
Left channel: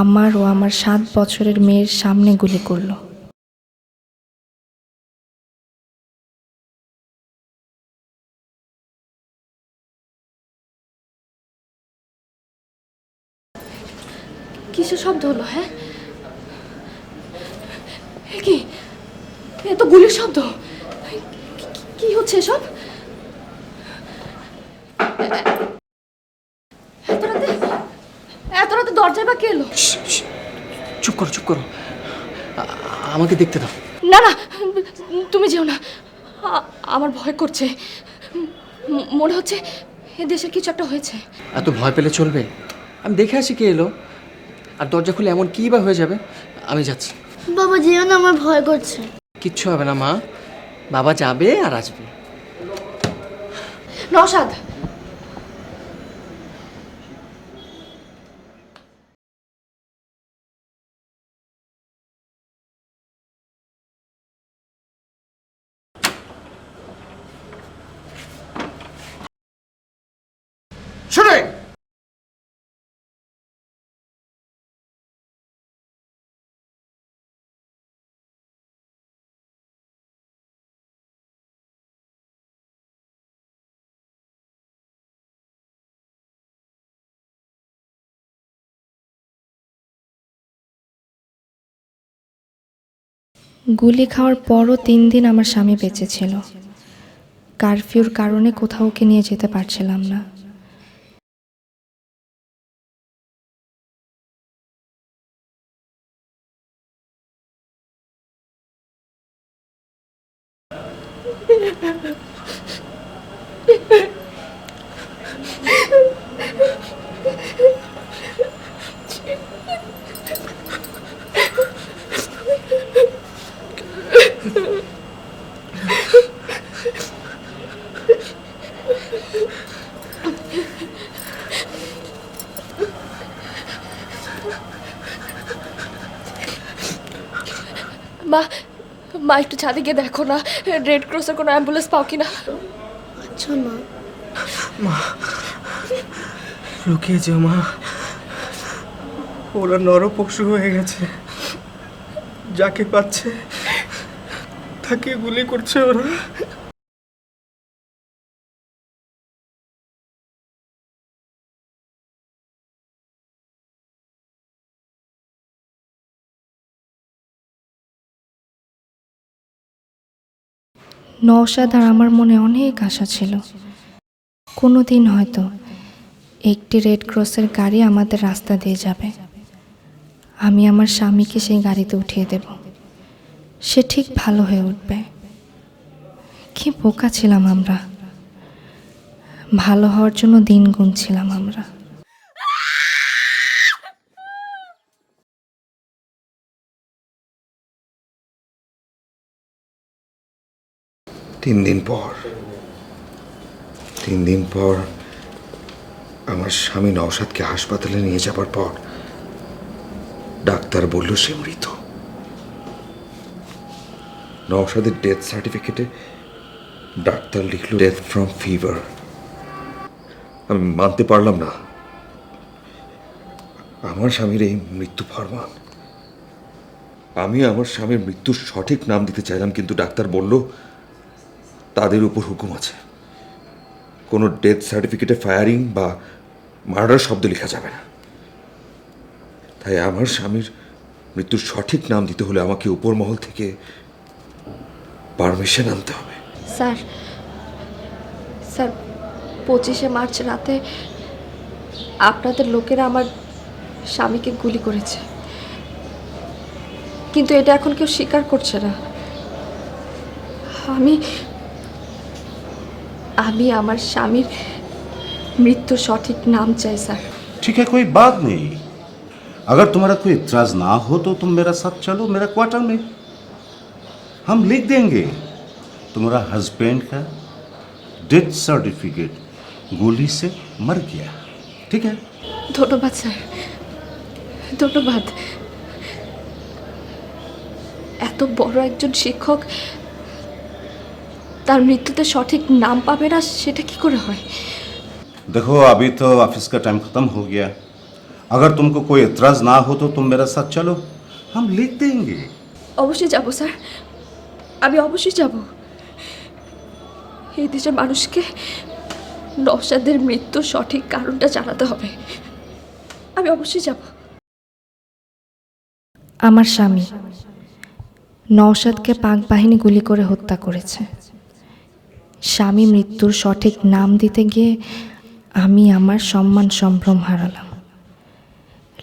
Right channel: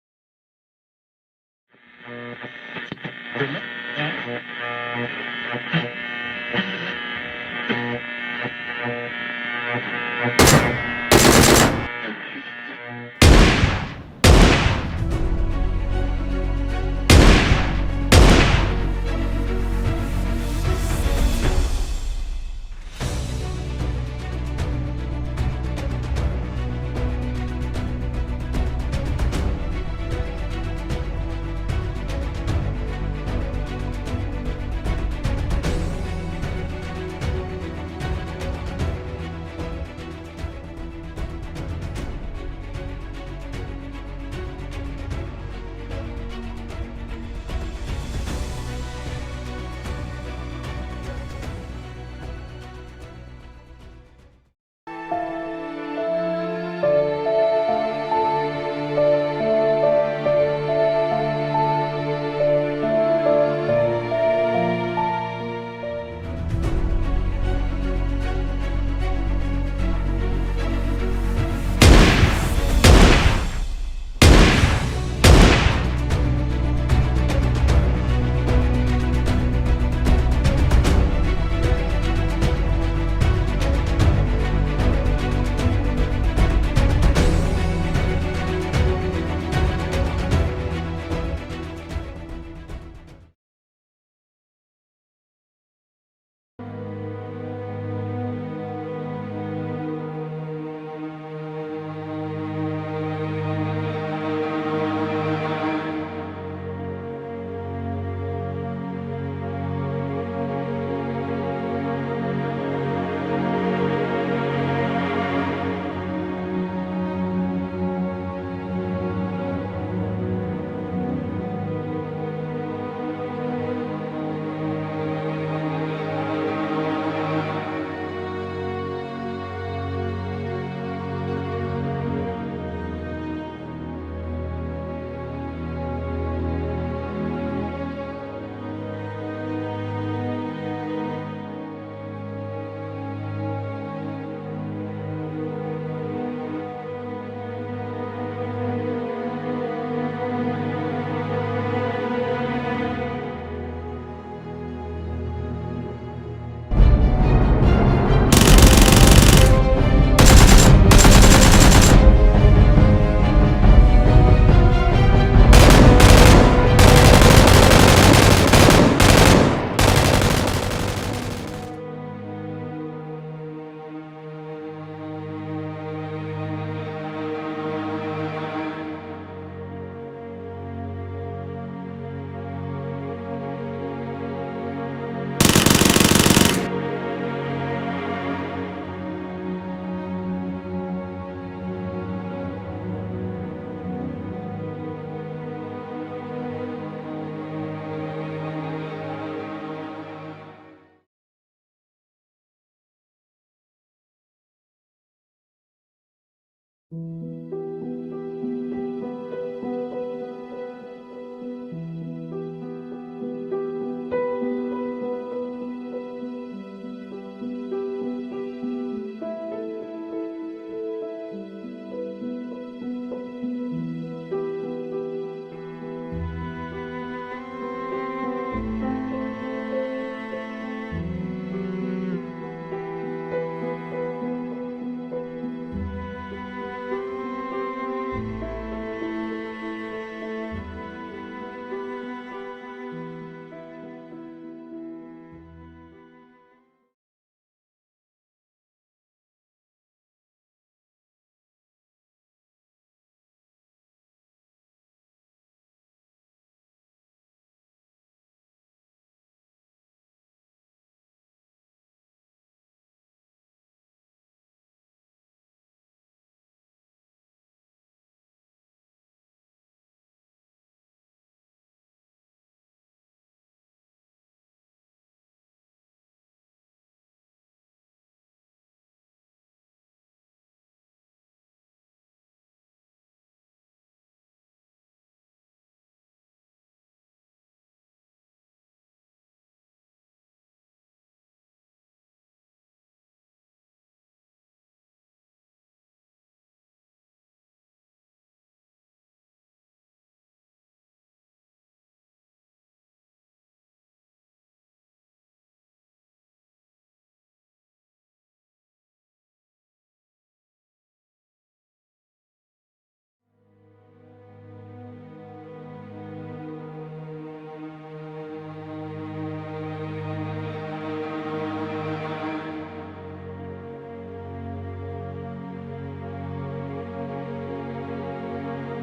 আমার ও আমার 7 বছরের মেয়ের সামনে গুলি করলো। কিসের শব্দ হলো? হ্যাঁ, এ তো গুলির শব্দ। কি হচ্ছে এসব? এত রাতে দরজায় বা কে এলো? চুপ করো, আমাকে দেখতে দাও। না না, তুমি যেও না, আমার ভয় করছে। মনে হচ্ছে এ দেশের কিছু একটা হয়েছে। এত ভয় পেলে চলবে? আমি দেখে আসি কে এলো, আর দরজা খুলে এমন কী বা হয়ে যাবে। আমি যাচ্ছি। বাবা যেও না, আমার ভয় করছে। কিচ্ছু হবে না মা, বাবা যাবে আর আসবে। নওশাদ, শুনে গুলি খাওয়ার পরও 3 দিন আমার স্বামী বেঁচে ছিল। কারফিউর কারণে কোথাও ওকে নিয়ে যেতে পারছিলাম না। মা একটু ছাদে গিয়ে দেখো না, রেড ক্রসের কোনো অ্যাম্বুলেন্স পাও কিনা। আচ্ছা মা। লুকিয়ে যা মা, ওরা নরপশু হয়ে গেছে। যাকে পাচ্ছে তাকে গুলি করছে ওরা। নওশাদ আর আমার মনে অনেক আশা ছিল, কোনো দিন হয়তো একটি রেড ক্রসের গাড়ি আমাদের রাস্তা দিয়ে যাবে, আমি আমার স্বামীকে সেই গাড়িতে উঠিয়ে দেব, সে ঠিক ভালো হয়ে উঠবে। কি বোকা ছিলাম আমরা, ভালো হওয়ার জন্য দিন গুনছিলাম আমরা। তিন দিন পর আমার স্বামী নওশাদকে হাসপাতালে নিয়ে যাবার পর ডাক্তার বলল সে মৃত। নওশাদের ডেথ সার্টিফিকেটে ডাক্তার লিখল ডেথ ফ্রম ফিভার। আমি মানতে পারলাম না আমার স্বামীর এই মৃত্যু ফরমান। আমি আমার স্বামীর মৃত্যুর সঠিক নাম দিতে চাইলাম, কিন্তু ডাক্তার বলল তাদের উপর হুকুম আছে, কোনো ডেথ সার্টিফিকেটে ফায়ারিং বা মার্ডার শব্দ লেখা যাবে না। তাই আমার স্বামীর মৃত্যুর সঠিক নাম দিতে হলে আমাকে উপর মহল থেকে পারমিশন আনতে হবে। স্যার 25শে মার্চ রাতে আপনাদের লোকেরা আমার স্বামীকে গুলি করেছে, কিন্তু এটা এখন কেউ স্বীকার করছে না। আমি আমার স্বামীর মৃত্যুর সঠিক নাম চাই স্যার। ठीक है, कोई बात नहीं। अगर तुम्हारा कोई इतराज ना हो तो तुम मेरा साथ चलो मेरा क्वार्टर में, हम लिख देंगे तुम्हारा हस्बैंड का डेथ सर्टिफिकेट गोली से मर गया। ठीक है? ধন্যবাদ স্যার, ধন্যবাদ। এত বড় একজন শিক্ষক তার মৃত্যুতে সঠিক নাম পাবে না, সেটা কি করে হয়? देखो अभी तो ऑफिस का टाइम खत्म हो गया, अगर तुमको कोई इतराज ना हो तो तुम मेरा साथ चलो, हम लिख देंगे। অবশ্যই যাব স্যার, আমি অবশ্যই যাব। এই দেশের মানুষকে নওশাদের মৃত্যুর সঠিক কারণটা জানাতে হবে। আমি অবশ্যই যাব। আমার স্বামী নওশাদকে পাক বাহিনী গুলি করে হত্যা করেছে। স্বামী মৃত্যুর সঠিক নাম দিতে গিয়ে আমি আমার সম্মান সম্ভ্রম হারালাম,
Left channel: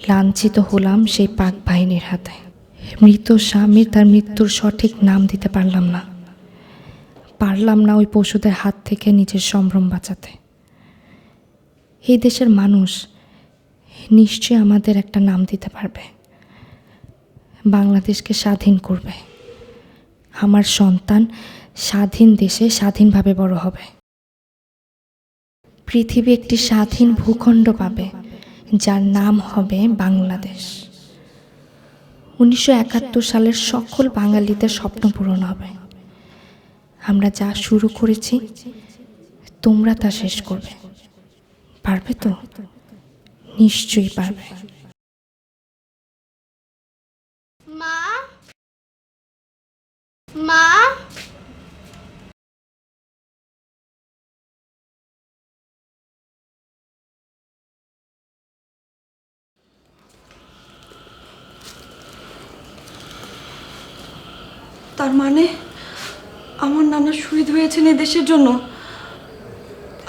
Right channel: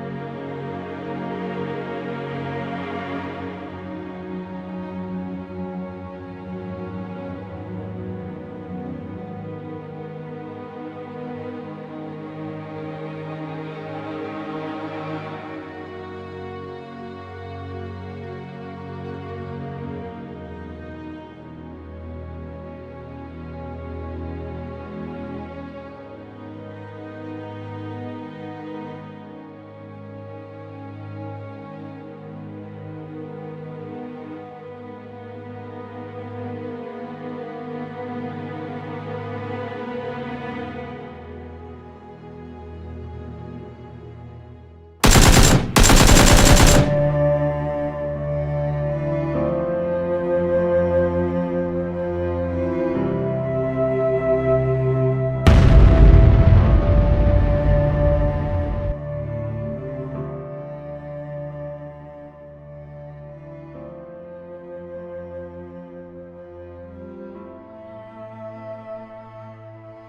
লাঞ্ছিত হলাম সেই পাক বাহিনীর হাতে। মৃত স্বামীর তার মৃত্যুর সঠিক নাম দিতে পারলাম না ওই পশুদের হাত থেকে নিজের সম্ভ্রম বাঁচাতে। এই দেশের মানুষ নিশ্চয়ই আমাদের একটা নাম দিতে পারবে, বাংলাদেশকে স্বাধীন করবে। আমার সন্তান স্বাধীন দেশে স্বাধীনভাবে বড় হবে, পৃথিবী একটি স্বাধীন ভূখণ্ড পাবে যার নাম হবে বাংলাদেশ। 1971 সালের সকল বাঙালিদের স্বপ্ন পূরণ হবে। আমরা যা শুরু করেছি তোমরা তা শেষ করবে, পারবে তো? নিশ্চয়ই পারবে। মা, তার মানে আমার নানা শহীদ হয়েছেন এই দেশের জন্য,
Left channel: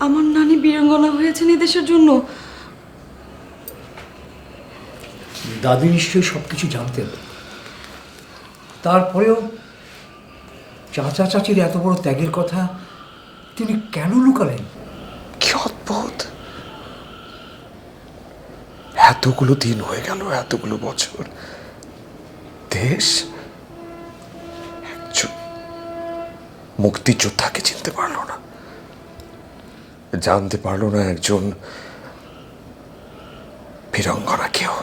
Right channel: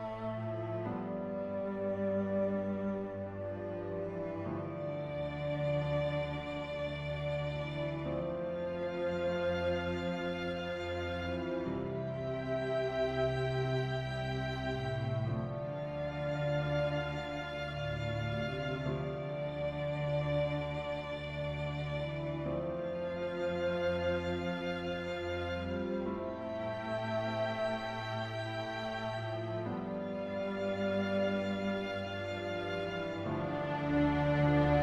আমার নানি বীরাঙ্গনা হয়েছেন এই দেশের জন্য। দাদি নিশ্চয়ই সব কিছু জানতেন, তারপরেও চাচা চাচির এত বড় ত্যাগের কথা তিনি কেন লুকালেন? কি অদ্ভুত! এতগুলো দিন হয়ে গেল, এতগুলো বছর, দেশ একজন মুক্তিযোদ্ধাকে চিনতে পারলো না, জানতে পারলো না একজন বীরাঙ্গনাকেও।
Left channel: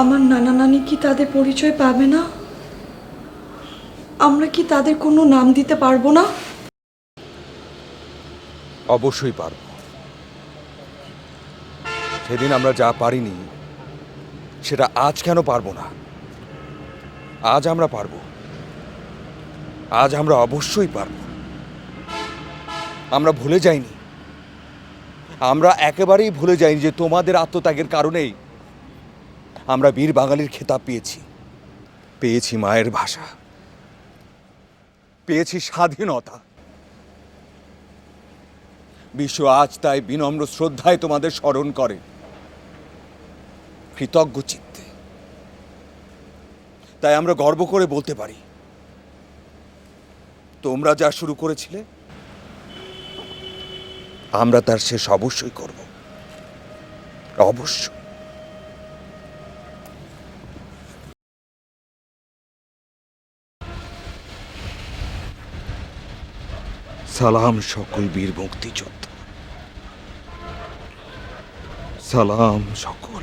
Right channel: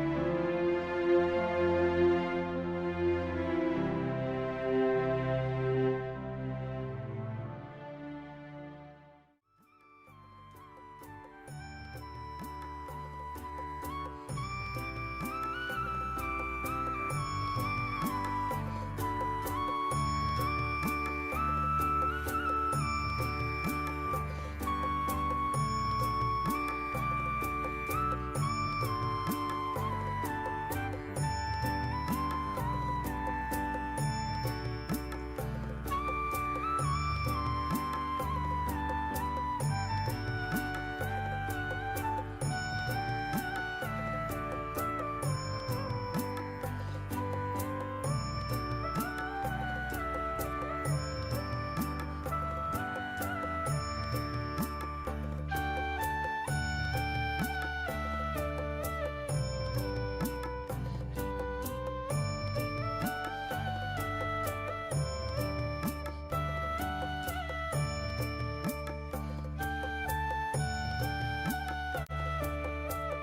আমার নানা নানি কি তাদের পরিচয় পাবে না? আমরা কি তাদের কোনো নাম দিতে পারবো না? অবশ্যই পারব। সেদিন আমরা যা পারিনি সেটা আজ কেন পারবো না? আজ আমরা পারবো, আজ আমরা অবশ্যই পারব। আমরা ভুলে যাইনি, আমরা একেবারেই ভুলে যাইনি যে তোমাদের আত্মত্যাগের কারণেই আমরা বীর বাঙালির খেতাব পেয়েছি মায়ের ভাষা, পেয়েছি স্বাধীনতা। বিশ্ব আজ তাই বিনম্র শ্রদ্ধায় তোমাদের স্মরণ করে, কৃতজ্ঞ চিত্তে। তাই আমরা গর্ব করে বলতে পারি, তোমরা যা শুরু করেছিলে আমরা তার শেষ অবশ্যই করব, অবশ্য। সালাম সকল বীর মুক্তিযোদ্ধা, সালাম সকল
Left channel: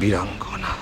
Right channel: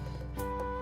বীরাঙ্গনা।